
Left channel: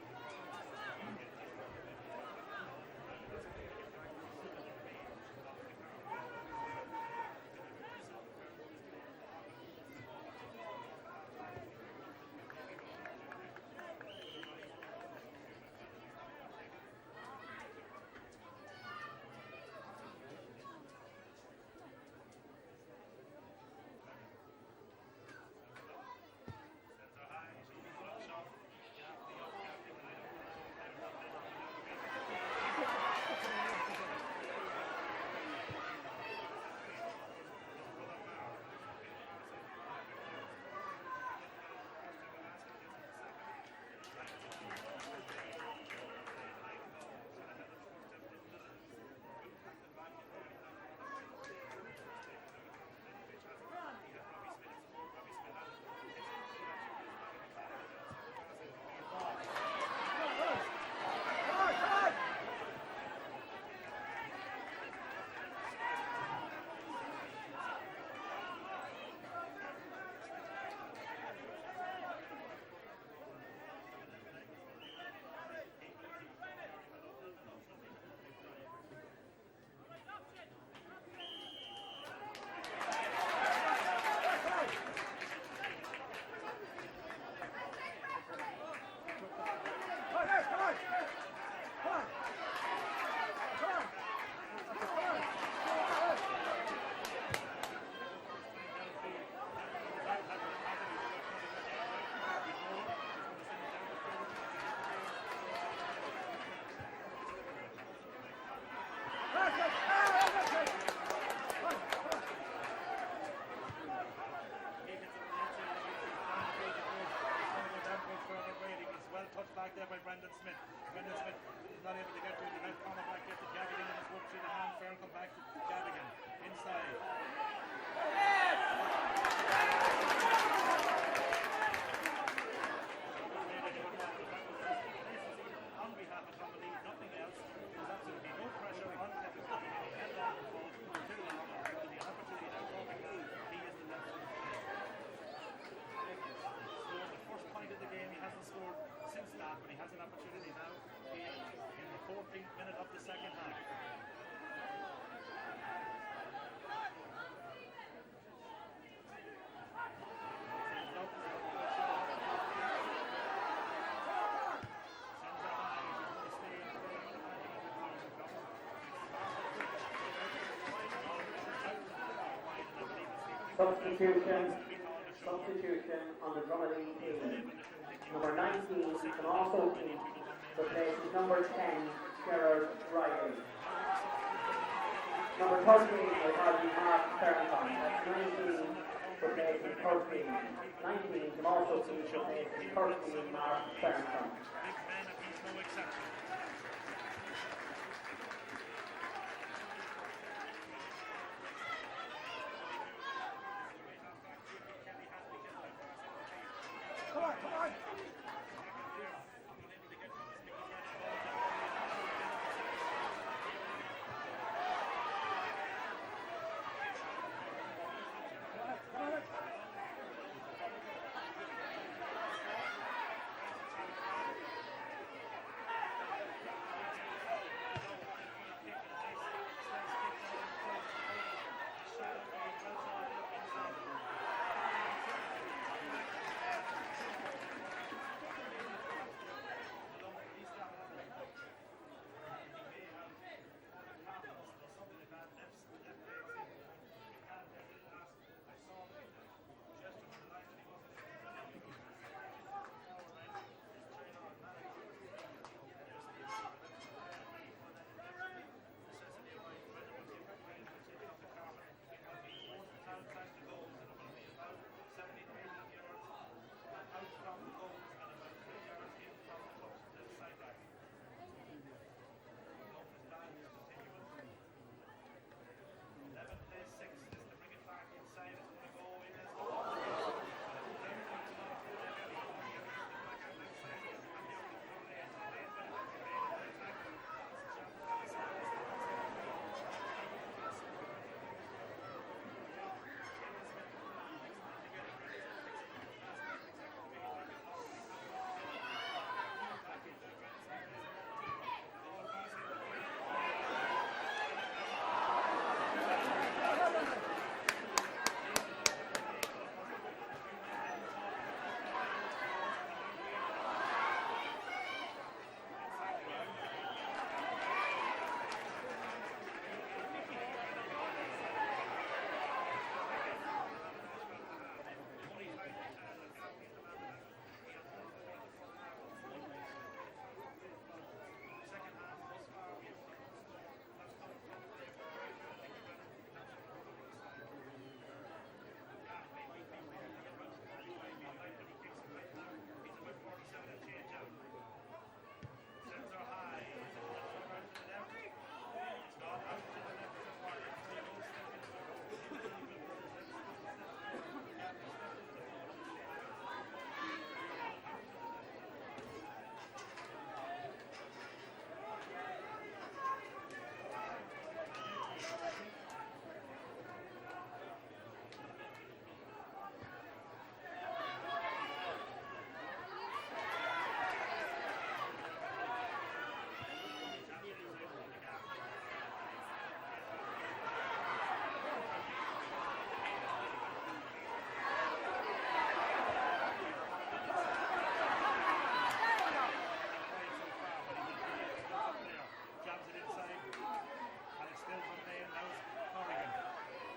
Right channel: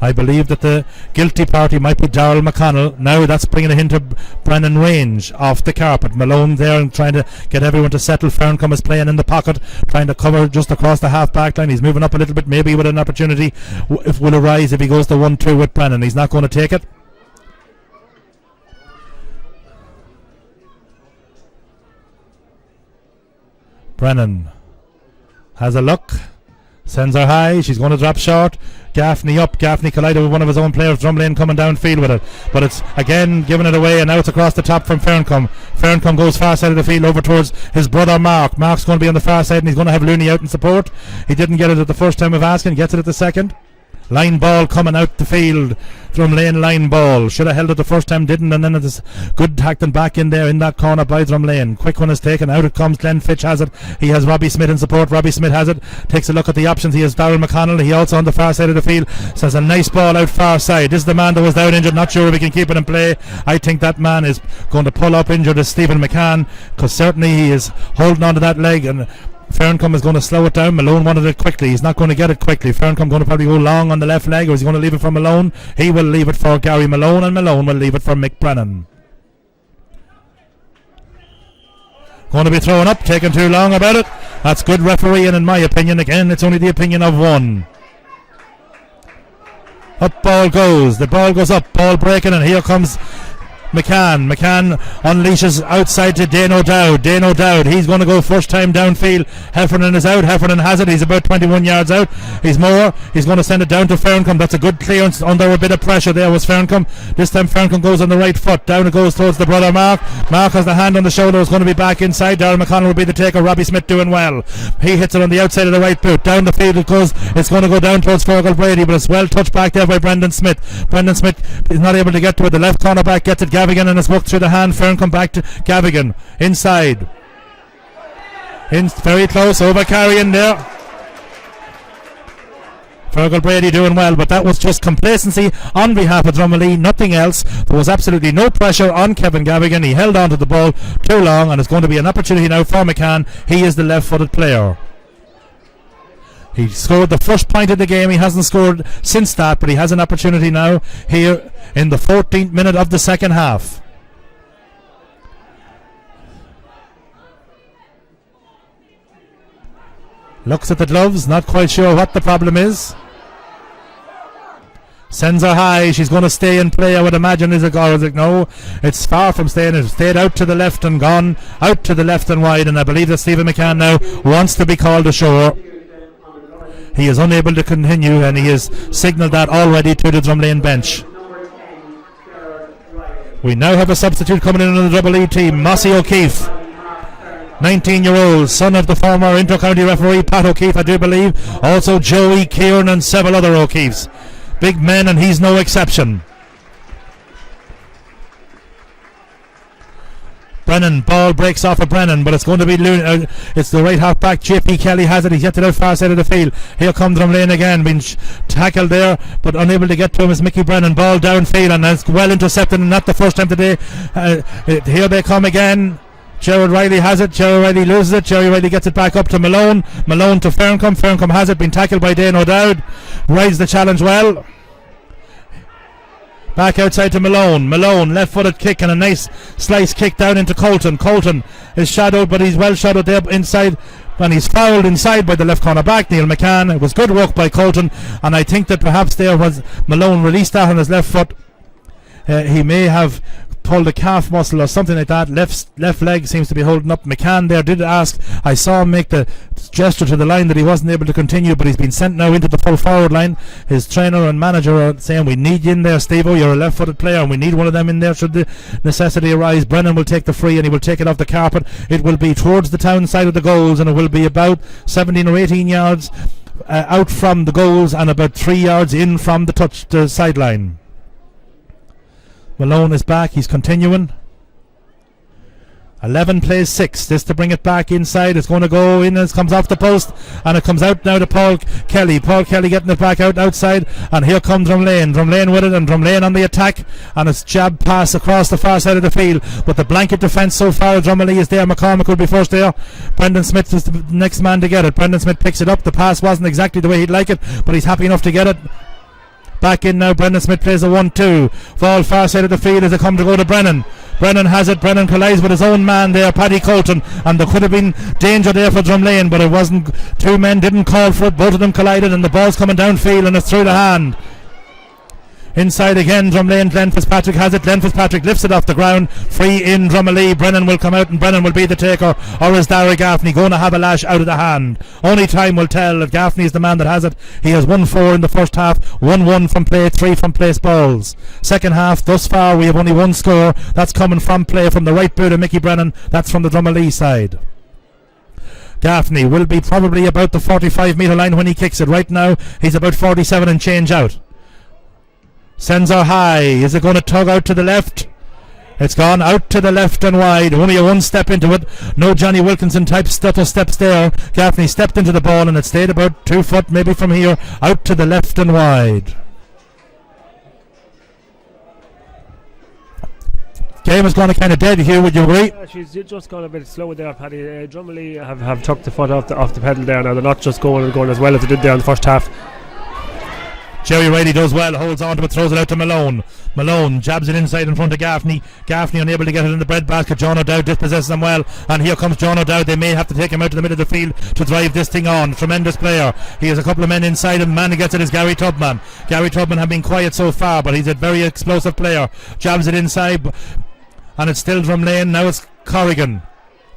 I believe that the guilty party might be Darrell McConnell. Now that's bringing it into Brennan range off the carpet. Malone there and trying to get everyone to settle. Ferncombe is playing in the pocket, trying to cover just across the half back line. He's moving up a little bit, maybe with an opportunity if will arise if he goes to 1-2 with Brennan. He's not going to take it. Brennan has a look, sends her high. She's going to drop short. Gaffney up. Gaffney collided with one of his own players. Drumlane coming downfield with it, but it's again giving it away, and now it's across the top from Ferncombe. Ferncombe goes far side of the field over towards his brother Mark. Mark's going to be on the far side, and he's going to have Looney out in support. He didn't get it at the first time of asking, gets it at the second. Line ball coming out the field. Drumlane line ball. Should have held it the first time, didn't, and then it is good tackling back in there in that corner by Drumlane. Quick one is taken. Out it comes. Glenn Fitch has it. He has Robbie Smith in support. Robbie Smith has it. Takes a look at the options. He has Darrell McConnell. He also on the far side of the field. Says a nice ball out far side. This is the man that was down injured. Not sure if he can keep it in play. I think that man is going to pull up injured as Stephen McCann, because certainly he is holding on to that leg, and Ferncombe is going to slow it down. Malone wanted it quickly. He's not going to get it quickly. Ferncombe going to probably go long on the left leg, or is he going to leave it for Malone? He will leave it for Gary Malone, and Malone will leave it for Mick Brennan. Going to be thrown up, taking too long about it. That's good refereeing in my opinion. Again, it's only the opinion of one. Up ball goes. The ball goes up. Ball breaking, and here comes McCann. McCann unleashes outside to Dane O'Dowd. Dane O'Dowd, he's going to go first time downfield. Heffernan is out. Heffernan has it. He's about 21 yards out. He's going to send it down to Ferncombe. That's a good clearance under a bit of pressure there was Ferncombe. This time Ferncombe goes on the right foot. Down it goes towards the brother Mark. Mark has the hand on the shoulder. It's going to be back inside. Darrell McConnell will be the taker. Robbie Smith doing well. He hits it on the outside of the right boot. Down the field it goes. It's going to go down towards Fergal Brady, but it's well touched back there by Brendan Smith. Brendan Smith is not able to get to it. The left corner back gets it. Gavigan, and it's worked through the hand. Ferncombe back to Gavigan. Inside. Very close. Over carrying there. Fergal Brady doing well, but that was just complacency on behalf of Drumalee, nothing else. There was absolutely no pressure on Kevin Gavigan. He held on to the ball too long, and it's going to be an opportunity now for McCann. He is the left-footed player. He scored the first point of the game. He hasn't scored since that, but he has an opportunity now here in the 14th minute of the second half. Looks at the gloves, not quite sure what the problem is. Sends her high. She's going to stay in play, I would imagine. Is it no? It's far from staying. It's stayed out to the left and gone out to the left and wide, and I believe that Stephen McCann now wants to be called ashore. He is unable to continue, and he has signalled that already to the Drumlane bench. We now have a substitute coming in on the Drumalee team, Mossy O'Keefe. 19-year-old, son of the former inter-county referee Pat O'Keefe, I do believe. Also Joey Kieran and several other O'Keefes. Big men, and he's no exception. Brennan, ball breaks off of Brennan, but it's going to be it's the right half back. JP Kelly has it. He's yet to the far side of the field. Here comes Drumlane again, being tackled there, but unable to get to him is Mickey Brennan. Ball downfield, and it's well intercepted, and not the first time today. Here they come again. Gerard Riley has it. Gerard Riley loses it. Gerard Riley gets it back up to Malone. Malone to Ferncombe. Ferncombe has it. Been tackled by Dane O'Dowd. Rides the challenge well. Back outside to Malone. Malone, left-footed kick, and a nice slice kick down into Colton. Colton is shadowed, but he's well shadowed there inside when he's fouled inside by the left corner back, Neil McCann. It was good work by Colton, and I think that perhaps there was Malone released that on his left foot. He may have pulled a calf muscle or something like that. Left leg seems to be holding up. McCann there did ask. I saw him make the gesture to the line that he wasn't able to continue, but he's been sent now into the full forward line. His trainer and manager are saying, we need you in there, Steve-O. You're a left-footed player, and we need one of them in there should the necessity arise. Brennan will take the free, and he will take it off the carpet. It will be towards the town side of the goals, and it will be about 17 or 18 yards out from the goals and about 3 yards in from the sideline. Malone is back. He's continuing. 11 plays 6. This to bring it back inside. It's going to go in as it comes off the post, and it comes out now to Paul Kelly. Paul Kelly getting it back outside, and here comes Drumlane. Drumlane with it, and Drumlane on the attack, and it's jab pass across the far side of the field. But the blanket defence so far, Drumalee is there. McCormick will be first there. Brendan Smith is the next man to get it. Brendan Smith picks it up. The pass wasn't exactly the way he'd like it, but he's happy enough to get it. Back in now, Brendan Smith plays a 1-2. Ball far side of the field as it come to go to Brennan. Brennan has it. Brennan collides with his own man there, Paddy Colton, and there could have been danger there for Drumlane, but it wasn't. Two men didn't call for it. Both of them collided, and the ball's coming downfield, and it's through the hand. Inside again, Drumlane. Glenn Fitzpatrick has it. Glenn Fitzpatrick lifts it off the ground. Free in Drumalee. Brennan will come out, and Brennan will be the taker. Or is Dara Gaffney going to have a lash out of the hand? Only time will tell. If Gaffney is the man that has it, he has 1-4 in the first half, 1-1 from play, 3 from place balls. Second half, thus far, we have only one score. That's coming from play from the right boot of Mickey Brennan. That's from the Drumalee side. Gaffney will be probably about the 45-metre line when he kicks it. Right now, he's about 47 and change out. Sends her high. Is it going to tug out to the left? It's gone out to the left and wide. Only a one step into it. No Johnny Wilkinson type stutter steps there. Gaffney stepped into the ball and it stayed about 2 foot maybe from here. Out to the left and wide. Game has gone kind of dead here, would you agree? Yeah, she's just gone a bit slow there, Paddy. Drumalee have took the foot off the pedal there now. They're not just going as well as they did there in the first half. Jerry Riley does well, holds on to it, throws it out to Malone. Malone jabs it inside in front of Gaffney. Gaffney unable to get it in the breadbasket. John O'Dowd dispossesses them well, and here comes John O'Dowd. They may have to take him out to the middle of the field to drive this thing on. Tremendous player. He has a couple of men inside him. The man who gets it is Gary Tubman. Gary Tubman have been quiet so far, but he's a very explosive player. Jabs it inside, and it's still Drumlane. Now it's Corrigan.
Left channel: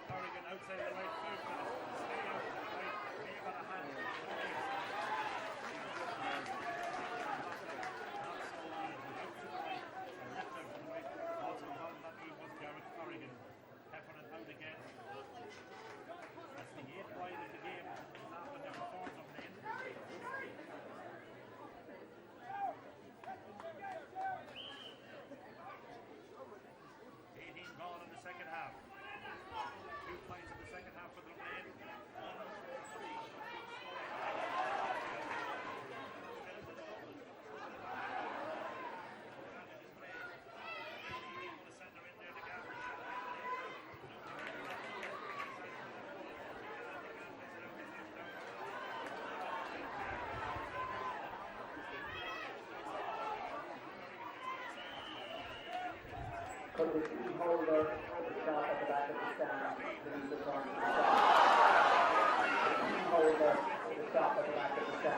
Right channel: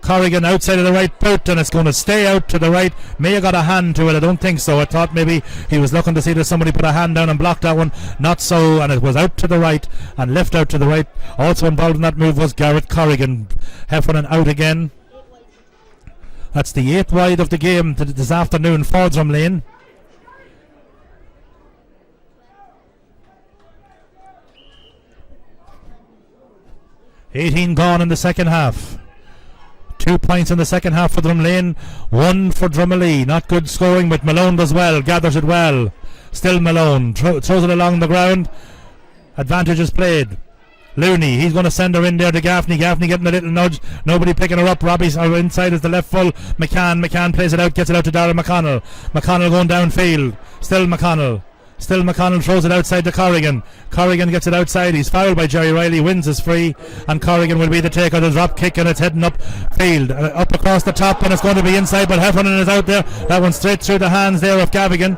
Corrigan outside of the right boot, and it's going to stay out to the right. May have got a hand to it. I don't think so. I thought maybe he was looking to see that somebody put a hand down and block that one. Not so, and it was out to the right and left out to the right. Also involved in that move was Garrett Corrigan. Heffernan out again. That's the 8th wide of the game this afternoon for Drumlane. $18 gone in the second half. 2 points in the second half for Drumlane, 1 for Drumalee. Not good scoring, but Malone does well, gathers it well. Still Malone, throws it along the ground. Advantage is played. Looney, he's going to send her in there to Gaffney. Gaffney getting a little nudge, nobody picking her up. Robbie's inside is the left full. McCann plays it out, gets it out to Darragh McConnell. McConnell going downfield. Still McConnell throws it outside to Corrigan. Corrigan gets it outside. He's fouled by Jerry Riley, wins his free, and Corrigan will be the taker. The drop kick, and it's heading up field, up across the top, and it's going to be inside, but Heffernan is out there. That one straight through the hands there of Gavigan.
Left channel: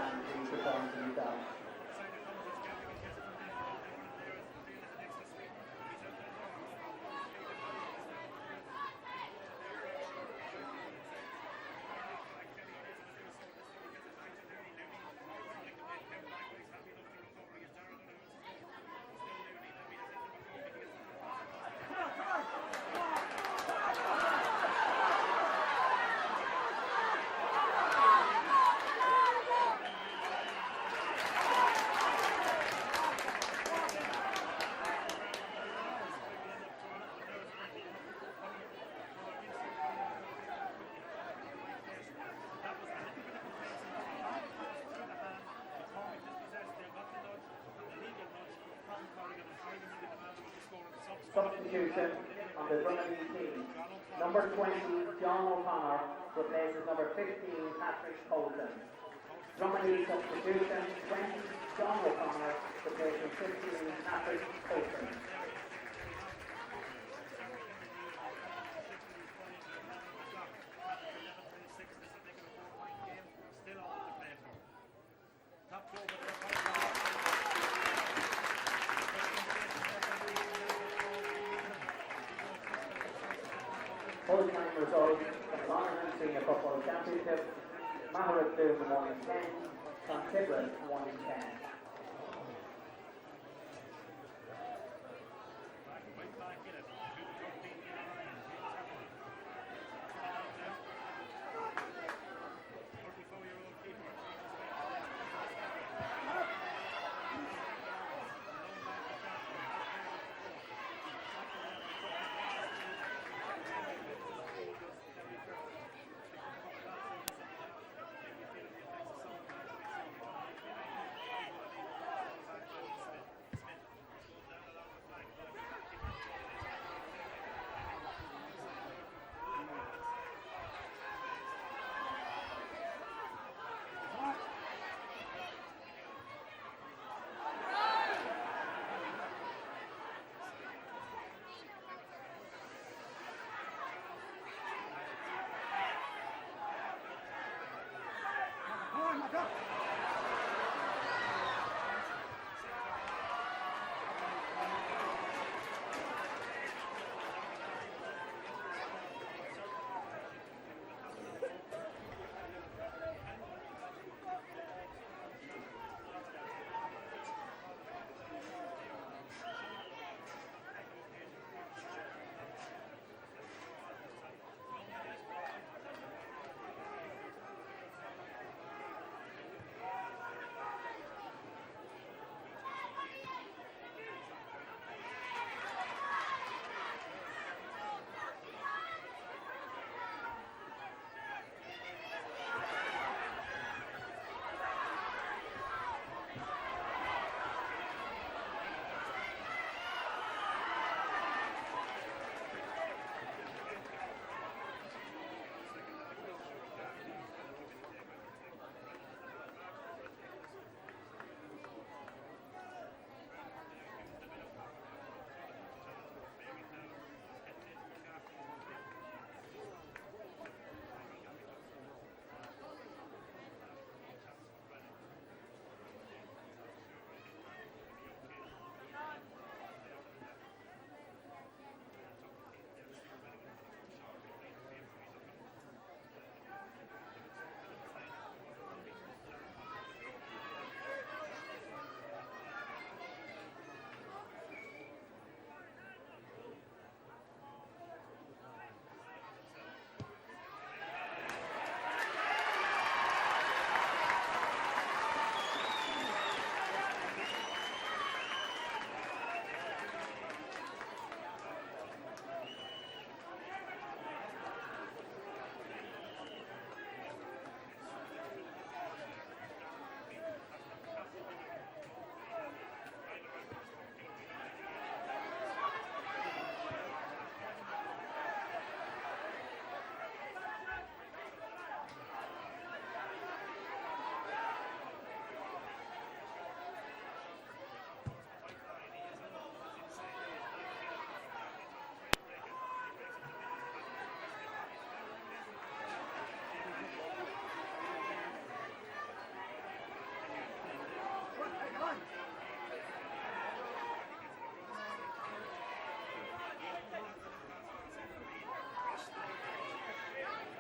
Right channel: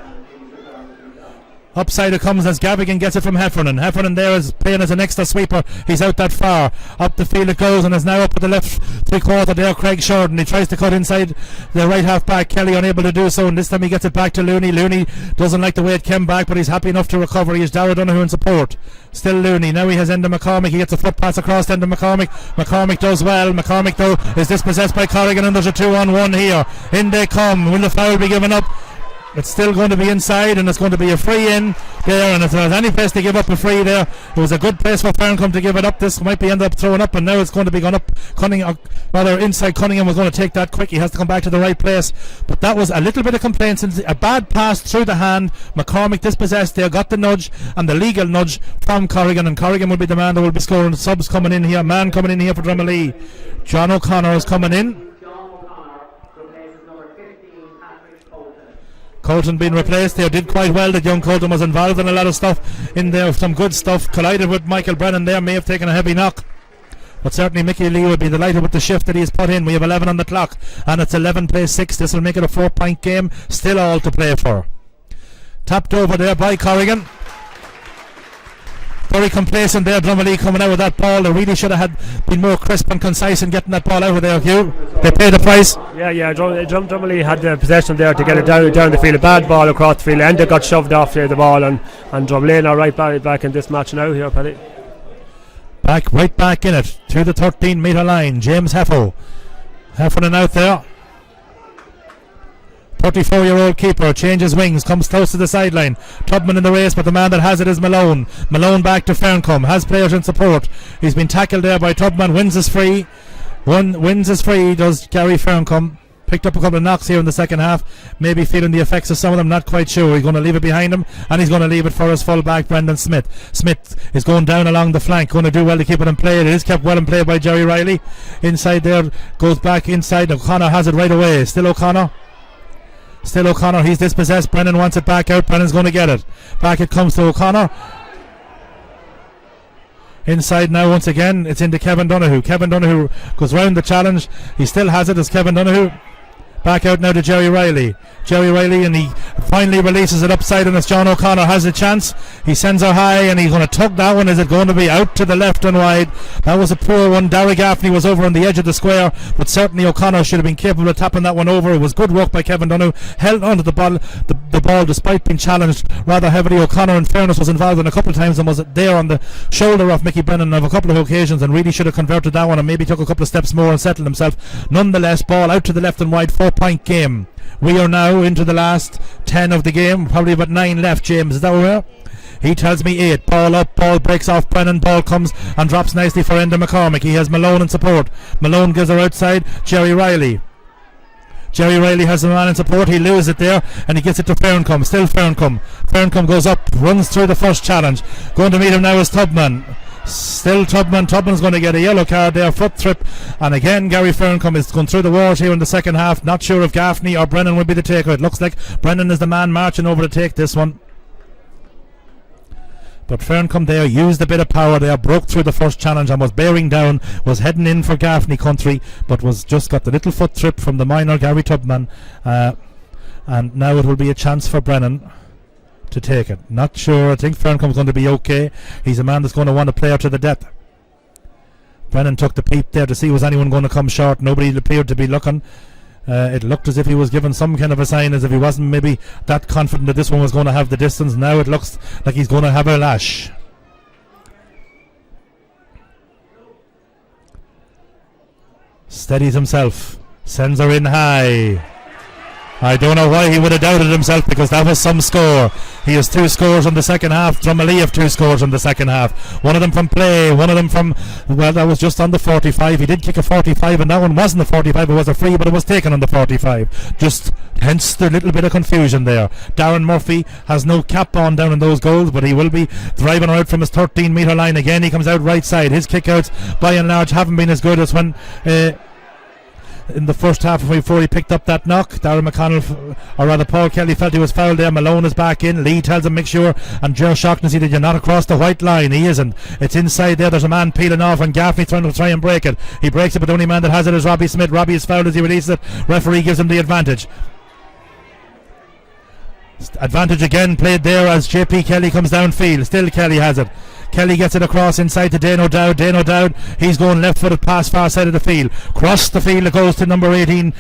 Upside it comes as Gavigan gets it from Heffernan. Heffernan there is playing as an extra sweeper. He's out that far. Up the field it goes, and is now up at the left 3/4 there, Craig Shorten. He tries to cut inside the right half back. Kelly unable to do so, and this time he gets it back to Looney. Looney doesn't like the way it came back, but he's happy enough to recover. He is Darragh Donoghue in support. Still Looney. Now he has Enda McCormick. He gets a foot pass across to Enda McCormick. McCormick does well. McCormick though is dispossessed by Corrigan, and there's a 2-on-1 here. In they come. Will the foul be given up? It's still going to be inside, and it's going to be a free in there, and if there's any place to give up a free there, it was a good place for Ferncombe to give it up. This might be ended up throwing up, and now it's going to be gone up. Inside Cunningham was going to take that quick. He has to come back to the right place, but that was a little bit of complaints. A bad pass through the hand. McCormick dispossessed there, got the nudge and the legal nudge from Corrigan, and Corrigan will be the man that will be scoring. Subs coming in here, man coming in here for Drumalee. John O'Connor is coming in. Colton being replaced there, did quite well. That young Colton was involved in a lot of stuff in there, some good stuff. Collided with Michael Brennan there, may have taken a heavy knock. But certainly Mickey Lee will be delighted with the shift that he has put in. We have 11 on the clock, and it's 11 plays 6. This will make it a 4-point game. Still all to play for. Tapped over there by Corrigan. Very complacent there, Drumalee coming out with that ball. They really should have been more crisp and concise in getting that ball out of there, Hugh. They paid the price. Yeah, Drumalee had the possession there to get it down the field. A bad ball across the field. Enda got shoved off the ball, and Drumlane are right back in this match now here, Paddy. Right back in it, to the 13-metre line. James Heffo. Heffernan out there. 34-year-old keeper changes wings, comes close to the sideline. Tubman in the race, but the man that has it is Malone. Malone back to Ferncombe, has players in support. He's been tackled there by Tubman. Wins is free. Wins is free, does Gary Ferncombe. Picked up a couple of knocks here in the second half. Maybe feeling the effects of some of them, not quite sure. He's going to leave it behind him, and he's going to leave it for his full-back, Brendan Smith. Smith is going down along the flank, going to do well to keep it in play. It is kept well in play by Jerry Riley. Inside there, goes back inside. O'Connor has it right away. Still O'Connor, he's dispossessed. Brennan wants it back out. Brennan's going to get it. Back it comes to O'Connor. Inside now once again. It's into Kevin Donoghue. Kevin Donoghue goes round the challenge. He still has it as Kevin Donoghue. Back out now to Jerry Riley, and he finally releases it upside, and as John O'Connor has a chance, he sends her high, and he's going to tug that one. Is it going to be out to the left and wide? That was a poor one. Darragh Gaffney was over on the edge of the square, but certainly O'Connor should have been capable of tapping that one over. It was good work by Kevin Donoghue, held onto the ball despite being challenged rather heavily. O'Connor, in fairness, was involved in a couple of times and was there on the shoulder of Mickey Brennan on a couple of occasions, and really should have converted that one and maybe took a couple of steps more and settled himself. Nonetheless, ball out to the left and wide, 4-point game. We are now into the last 10 of the game, probably about 9 left. James, is that where we are? He tells me 8. Ball up, ball breaks off Brennan, ball comes and drops nicely for Enda McCormick. He has Malone in support. Malone gives her outside. Jerry Riley has a man in support. He loses it there and he gets it to Ferncombe. Still Ferncombe. Ferncombe goes up, runs through the first challenge. Going to meet him now is Tubman. Still Tubman. Tubman's going to get a yellow card there, foot trip, and again Gary Ferncombe is going through the wars here in the second half. Not sure if Gaffney or Brennan will be the taker. It looks like Brennan is the man marching over to take this one, but Ferncombe there used a bit of power there, broke through the first challenge and was bearing down, was heading in for Gaffney country, but was just got the little foot trip from the minor Gary Tubman, and now it will be a chance for Brennan to take it. Not sure. I think Ferncombe's going to be okay. He's a man that's going to want to play her to the depth. Brennan took the peep there to see was anyone going to come short. Nobody appeared to be looking. It looked as if he was given some kind of a sign, as if he wasn't maybe that confident that this one was going to have the distance. Now it looks like he's going to have a lash. Steadies himself, sends her in high. I don't know why he would have doubted himself, because that was some score. He has 2 scores in the second half. Drumalee have 2 scores in the second half. One of them from play, one of them from, well, that was just on the 45. He did kick a 45, and that one wasn't a 45. It was a free, but it was taken on the 45. Just hence the little bit of confusion there. Darren Murphy has no cap on down in those goals, but he will be driving her out from his 13-metre line again. He comes out right side. His kickouts, by and large, haven't been as good as when in the first half before he picked up that knock. Darren McConnell, or rather Paul Kelly, felt he was fouled there. Malone is back in. Lee tells him make sure, and Ger Shaughnessy that you're not across the white line. He isn't. It's inside there. There's a man peeling off, and Gaffney trying and break it. He breaks it, but the only man that has it is Robbie Smith. Robbie is fouled as he releases it. Referee gives him the advantage. Advantage again played there as JP Kelly comes downfield. Still Kelly has it. Kelly gets it across inside to Dane O'Dowd. Dane O'Dowd, he's going left-footed past far side of the field. Cross the field, it goes to number 18,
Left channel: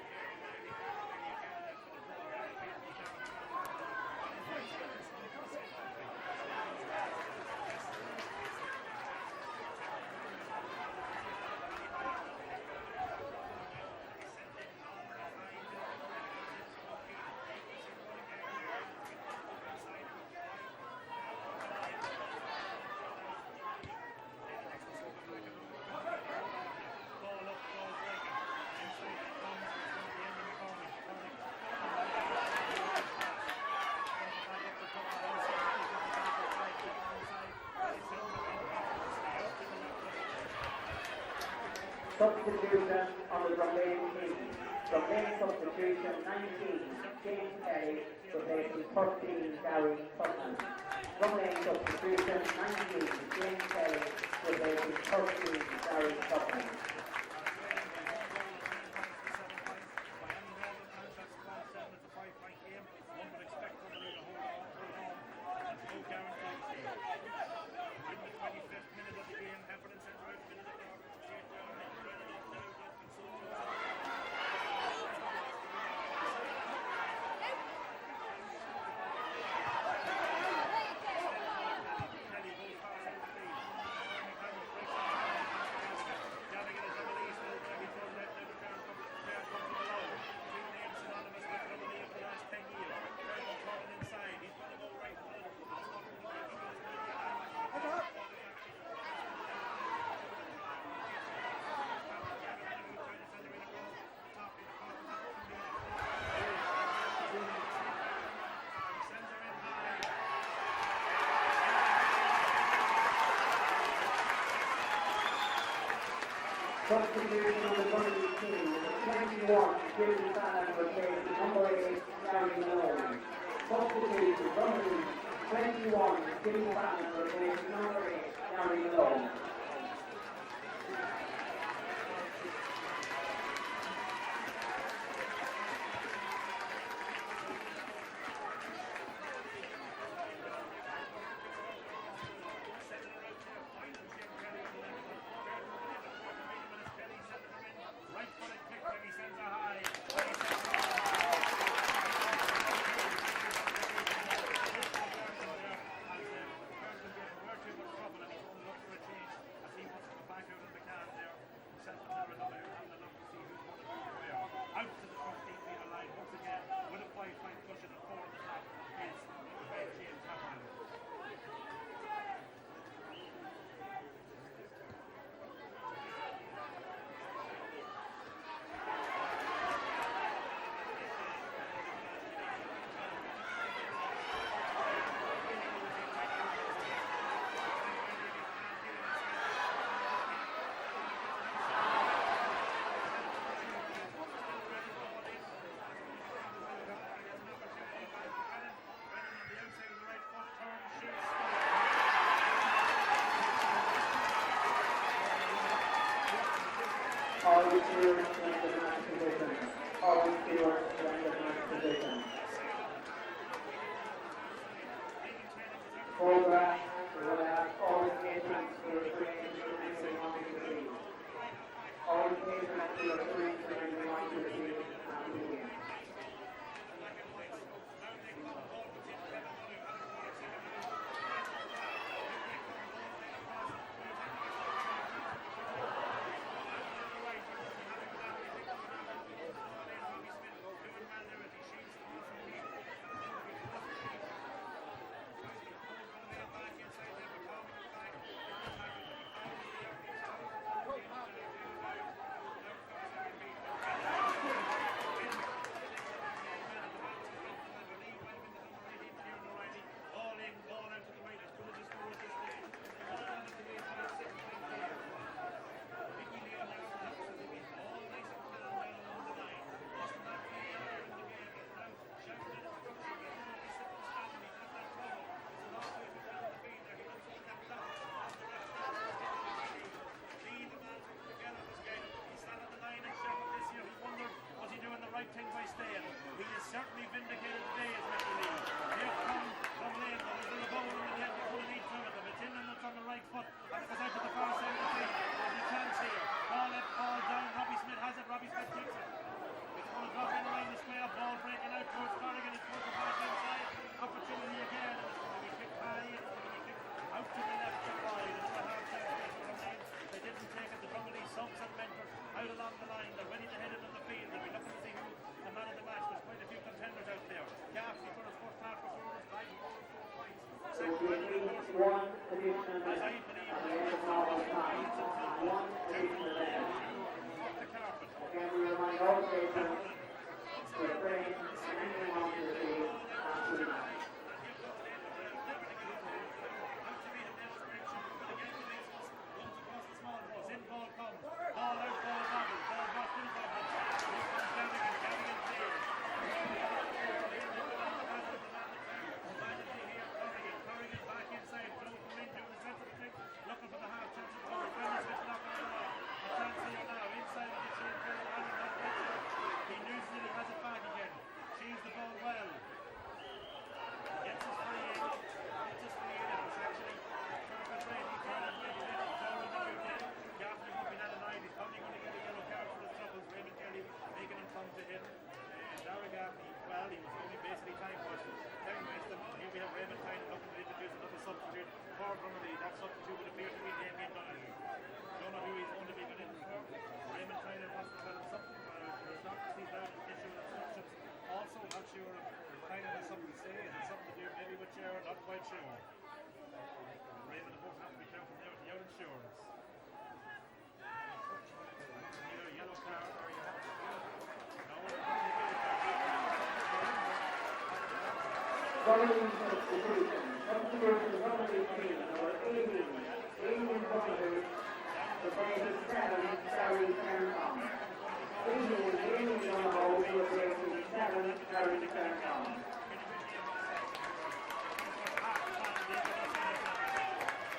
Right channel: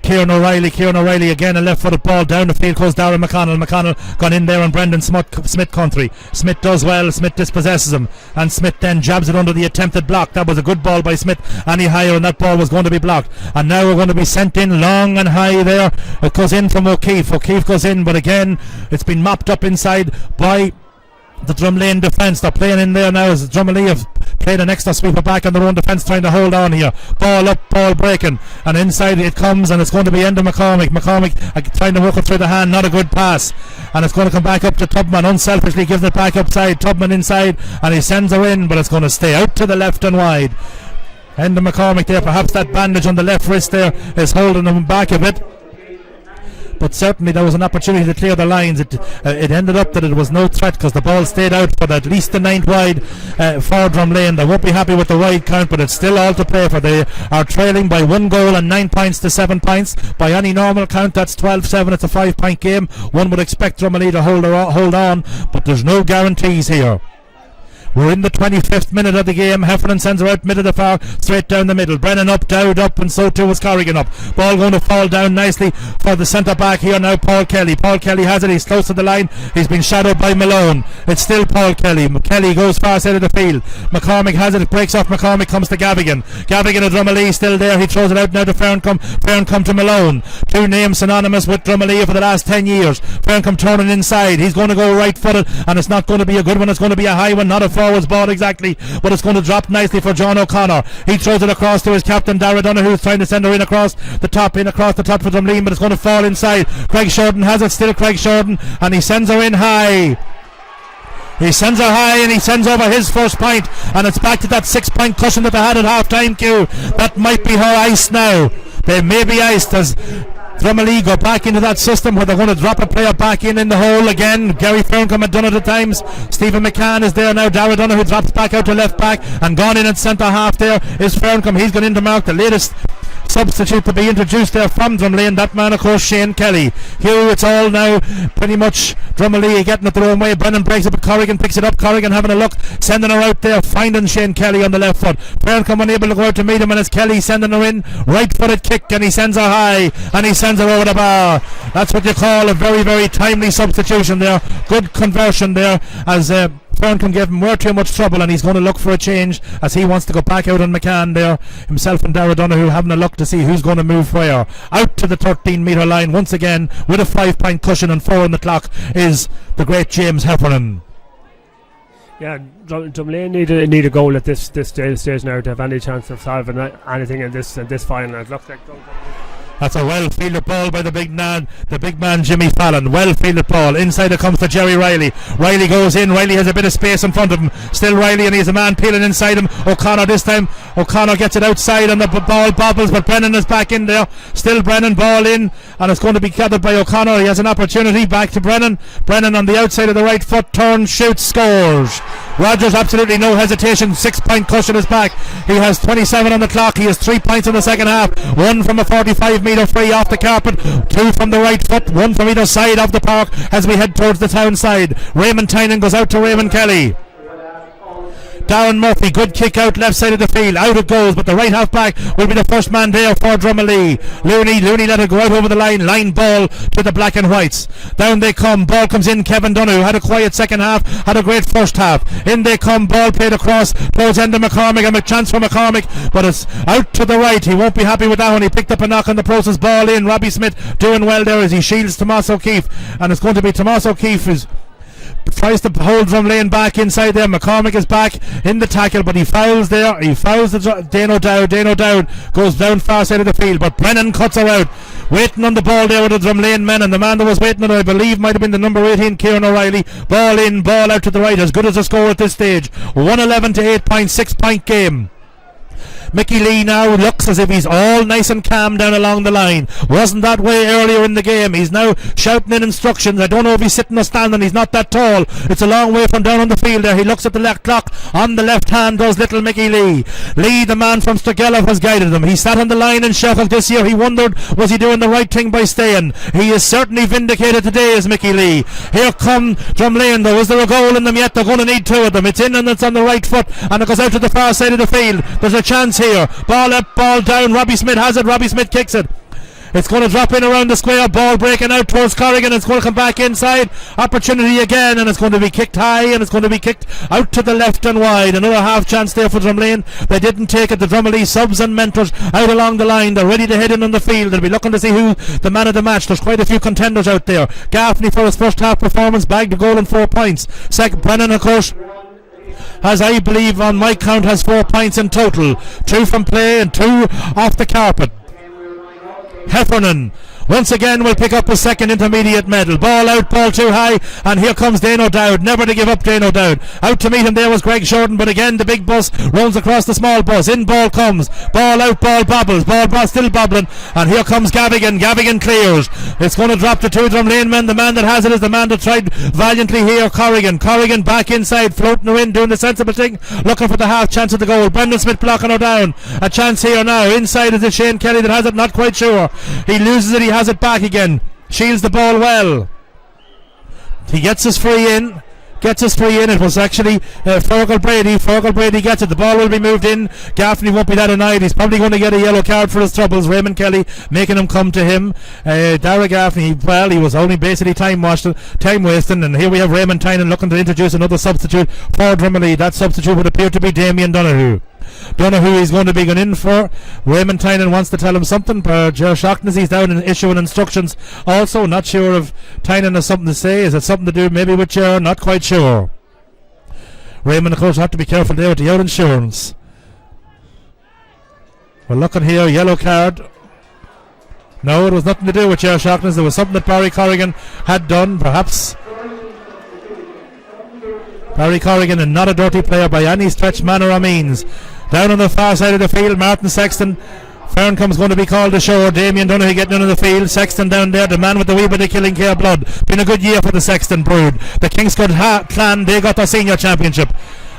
Kieran O'Reilly. Kieran O'Reilly again, a left-footed ball down the field goes Darren McConnell. McConnell gone in there on Brendan Smith country. Smith does well. Smith dispossesses him, and Smith then jabs it under the attempted block. That was a good ball by Smith. Any higher and that ball was going to be blocked, and now we're going to be sent in long and high there. It goes in from O'Keefe. O'Keefe goes in, but again it's been mopped up inside by the Drumlane defence. They're playing in there now as Drumalee have played an extra sweeper back on their own defence, trying to hold on here. Ball up, ball breaking, and inside it comes, and it's going to be Enda McCormick. McCormick trying to work it through the hand, not a good pass, and it's going to come back up to Tubman. Unselfishly gives it back upside. Tubman inside, and he sends her in, but it's going to stay out to the left and wide. Enda McCormick there, perhaps that bandage on the left wrist there is holding him back a bit. but certainly there was an opportunity to clear the lines. It ended up that it was no threat because the ball stayed out, but at least the 9th wide for Drumlane. They won't be happy with the wide count, but it's still all to play for. They are trailing by 1 goal and 9 points to 7 points. By any normal count, that's 12-7. It's a 5-point game. One would expect Drumalee to hold on, but there's no guarantees here. We're in the 25th minute of the game. Heffernan sends her out mid of the far, straight down the middle. Brennan up, Dowd up, and so too was Corrigan up. Ball going to fall down nicely for the centre back here now, Paul Kelly. Paul Kelly has it, he's close to the line. He's been shadowed by Malone. It's still Paul Kelly. Kelly goes far side of the field. McCormick has it, breaks off McCormick, comes to Gavigan. Gavigan of Drumalee still there. He throws it out now to Ferncombe. Ferncombe to Malone. Two names synonymous with Drumalee for the last 10 years. Ferncombe turning inside. He's going to go right footed, and it's not going to be a good one. It's going to be a high one, not a forwards ball exactly, but it's going to drop nicely for John O'Connor. He throws it across to his captain Dara Donaghy, who's trying to send her in across the top for Drumlane, but it's going to fall inside. Craig Shorten has it, still Craig Shorten, and he sends her in high. He sends her high and he sends over his first point, and it's back to that 6-point cushion that they had at half-time queue. That might be her ice now. They may be iced as Drumalee go back into that system where they're going to drop a player back in the hole again. Gary Ferncombe had done it at times. Stephen McCann is there now. Dara Donaghy drops back out to left back, and gone in at centre half there is Ferncombe. He's gone in to mark the latest substitute to be introduced there from Drumlane. That man, of course, Shane Kelly. Here it's all now pretty much Drumalee getting it their own way. Brennan breaks it, but Corrigan picks it up. Corrigan having a look, sending her out there, finding Shane Kelly on the left foot. Ferncombe unable to go out to meet him, and it's Kelly sending her in. Right footed kick, and he sends her high, and he sends her over the bar. That's what you call a very, very timely substitution there. Good conversion there, as Ferncombe gave him way too much trouble, and he's going to look for a change as he wants to go back out on McCann there. Himself and Dara Donaghy having a look to see who's going to move where. Out to the 13-metre line once again with a 5-point cushion and 4 on the clock is the great James Heffernan. Yeah, Drumlane need a goal at this stage now to have any chance of solving anything in this final. It looks like that's a well-fielded ball by the big man Jimmy Fallon. Well-fielded ball. Inside it comes to Jerry Riley. Riley goes in. Riley has a bit of space in front of him. Still Riley, and he has a man peeling inside him. O'Connor this time. O'Connor gets it outside, and the ball bobbles, but Brennan is back in there. Still Brennan, ball in, and it's going to be gathered by O'Connor. He has an opportunity. Back to Brennan. Brennan on the outside of the right foot. Turns, shoots, scores. Rogers, absolutely no hesitation. 6-point cushion is back. He has 27 on the clock. He has 3 points in the second half. 1 from a 45-metre free off the carpet. 2 from the right foot. 1 from either side of the park as we head towards the town side. Raymond Tynan goes out to Raymond Kelly. Darren Murphy, good kick out left side of the field. Out it goes, but the right half back will be the first man there for Drumalee. Looney let it go out over the line. Line ball to the black and whites. Down they come. Ball comes in. Cavan Donaghy had a quiet second half, had a great first half. In they come. Ball played across towards end of McCormick, and a chance for McCormick, but it's out to the right. He won't be happy with that one. He picked up a knock on the process. Ball in. Robbie Smith doing well there as he shields Tomas O'Keefe, and it's going to be Tomas O'Keefe who's tries to hold Drumlane back inside there. McCormick is back in the tackle, but he fouls there. He fouls Dano Dowd. Dano Dowd goes down far side of the field, but Brennan cuts her out. Waiting on the ball there with the Drumlane men, and the man that was waiting on it, I believe, might have been the number 18, Kieran O'Reilly. Ball in, ball out to the right. As good as a score at this stage. 111 to 8 point, 6-point game. Mickey Lee now looks as if he's all nice and calm down along the line. Wasn't that way earlier in the game. He's now shouting in instructions. I don't know if he's sitting or standing. He's not that tall. It's a long way from down on the field there. He looks at the left clock. On the left hand does little Mickey Lee. Lee, the man from Sturgelov, has guided him. He sat on the line in Sheffield this year. He wondered, was he doing the right thing by staying? He is certainly vindicated today as Mickey Lee. Here come Drumlane though. Is there a goal in them yet? They're going to need 2 of them. It's in and it's on the right foot, and it goes out to the far side of the field. There's a chance here. Ball up, ball down. Robbie Smith has it. Robbie Smith kicks it. It's going to drop in around the square. Ball breaking out towards Corrigan. It's going to come back inside. Opportunity again, and it's going to be kicked high, and it's going to be kicked out to the left and wide. Another half chance there for Drumlane. They didn't take it. The Drumalee subs and mentors out along the line. They're ready to head in on the field. They'll be looking to see who the man of the match. There's quite a few contenders out there. Gaffney for his first half performance bagged a goal and 4 points. Brennan, of course, has, I believe on my count, has 4 points in total. 2 from play and 2 off the carpet. Heffernan once again will pick up a second intermediate medal. Ball out, ball too high, and here comes Dano Dowd. Never to give up, Dano Dowd. Out to meet him there was Greg Shorten, but again the big bus runs across the small bus. In ball comes, ball out, ball bobbles, ball still bobbling, and here comes Gavigan. Gavigan clears. It's going to drop to two Drumlane men. The man that has it is the man that tried valiantly here, Corrigan. Corrigan back inside, floating her in, doing the sensible thing, looking for the half chance of the goal. Brendan Smith blocking her down. A chance here now. Inside is it Shane Kelly that has it, not quite sure. He loses it, he has it back again. Shields the ball well. He gets us free in. It was actually Fergal Brady. Fergal Brady gets it. The ball will be moved in. Gaffney won't be that annoyed. He's probably going to get a yellow card for his troubles. Raymond Kelly making him come to him. Dara Gaffney, well, he was only basically time wasting. And here we have Raymond Tynan looking to introduce another substitute for Drumalee. That substitute would appear to be Damien Donoghue. Donoghue he's going to be going in for. Raymond Tynan wants to tell him something. Ger Shochnessy he's down and issuing instructions. Also, not sure if Tynan has something to say. Is it something to do maybe with Ger? Not quite sure. Raymond, of course, have to be careful there with the out insurance. We're looking here, yellow card. No, it was nothing to do with Ger Shochnessy. There was something that Barry Corrigan had done, perhaps. Barry Corrigan, and not a dirty player by any stretch, manner or means. Down on the far side of the field, Martin Sexton. Ferncombe's going to be called ashore. Damien Donoghue getting into the field. Sexton down there, the man with the wee bit of killing care blood. Been a good year for the Sexton brood. The Kingscote clan, they got their senior championship.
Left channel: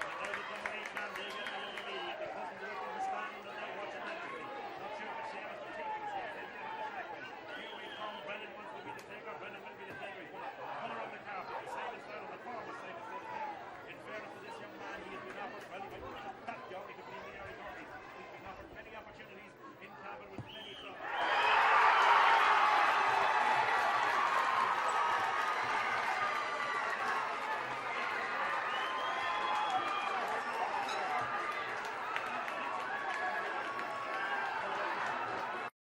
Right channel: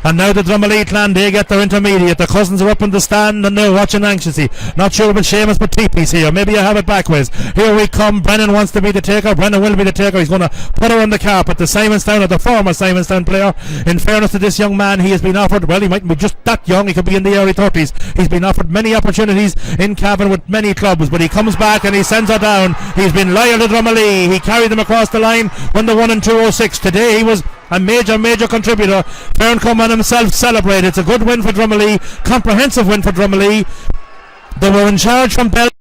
And now the Drumalee clan, they get their intermediate. The cousins are up in the stand and they're watching anxiously. Not sure about Seamus, but Teepee's here. Maybe I have it backwards. Here we come. Brennan wants to be the taker. Brennan will be the taker. He's going to put her on the carpet. The Simonstown, or the former Simonstown player. In fairness to this young man, he has been offered, well, he mightn't be just that young. He could be in the early 30s. He's been offered many opportunities in Cavan with many clubs, but he comes back and he sends her down. He's been loyal to Drumalee. He carried them across the line when they won in 206. Today he was a major contributor. Ferncombe and himself celebrate. It's a good win for Drumalee, comprehensive win for Drumalee. They were in charge from Bell.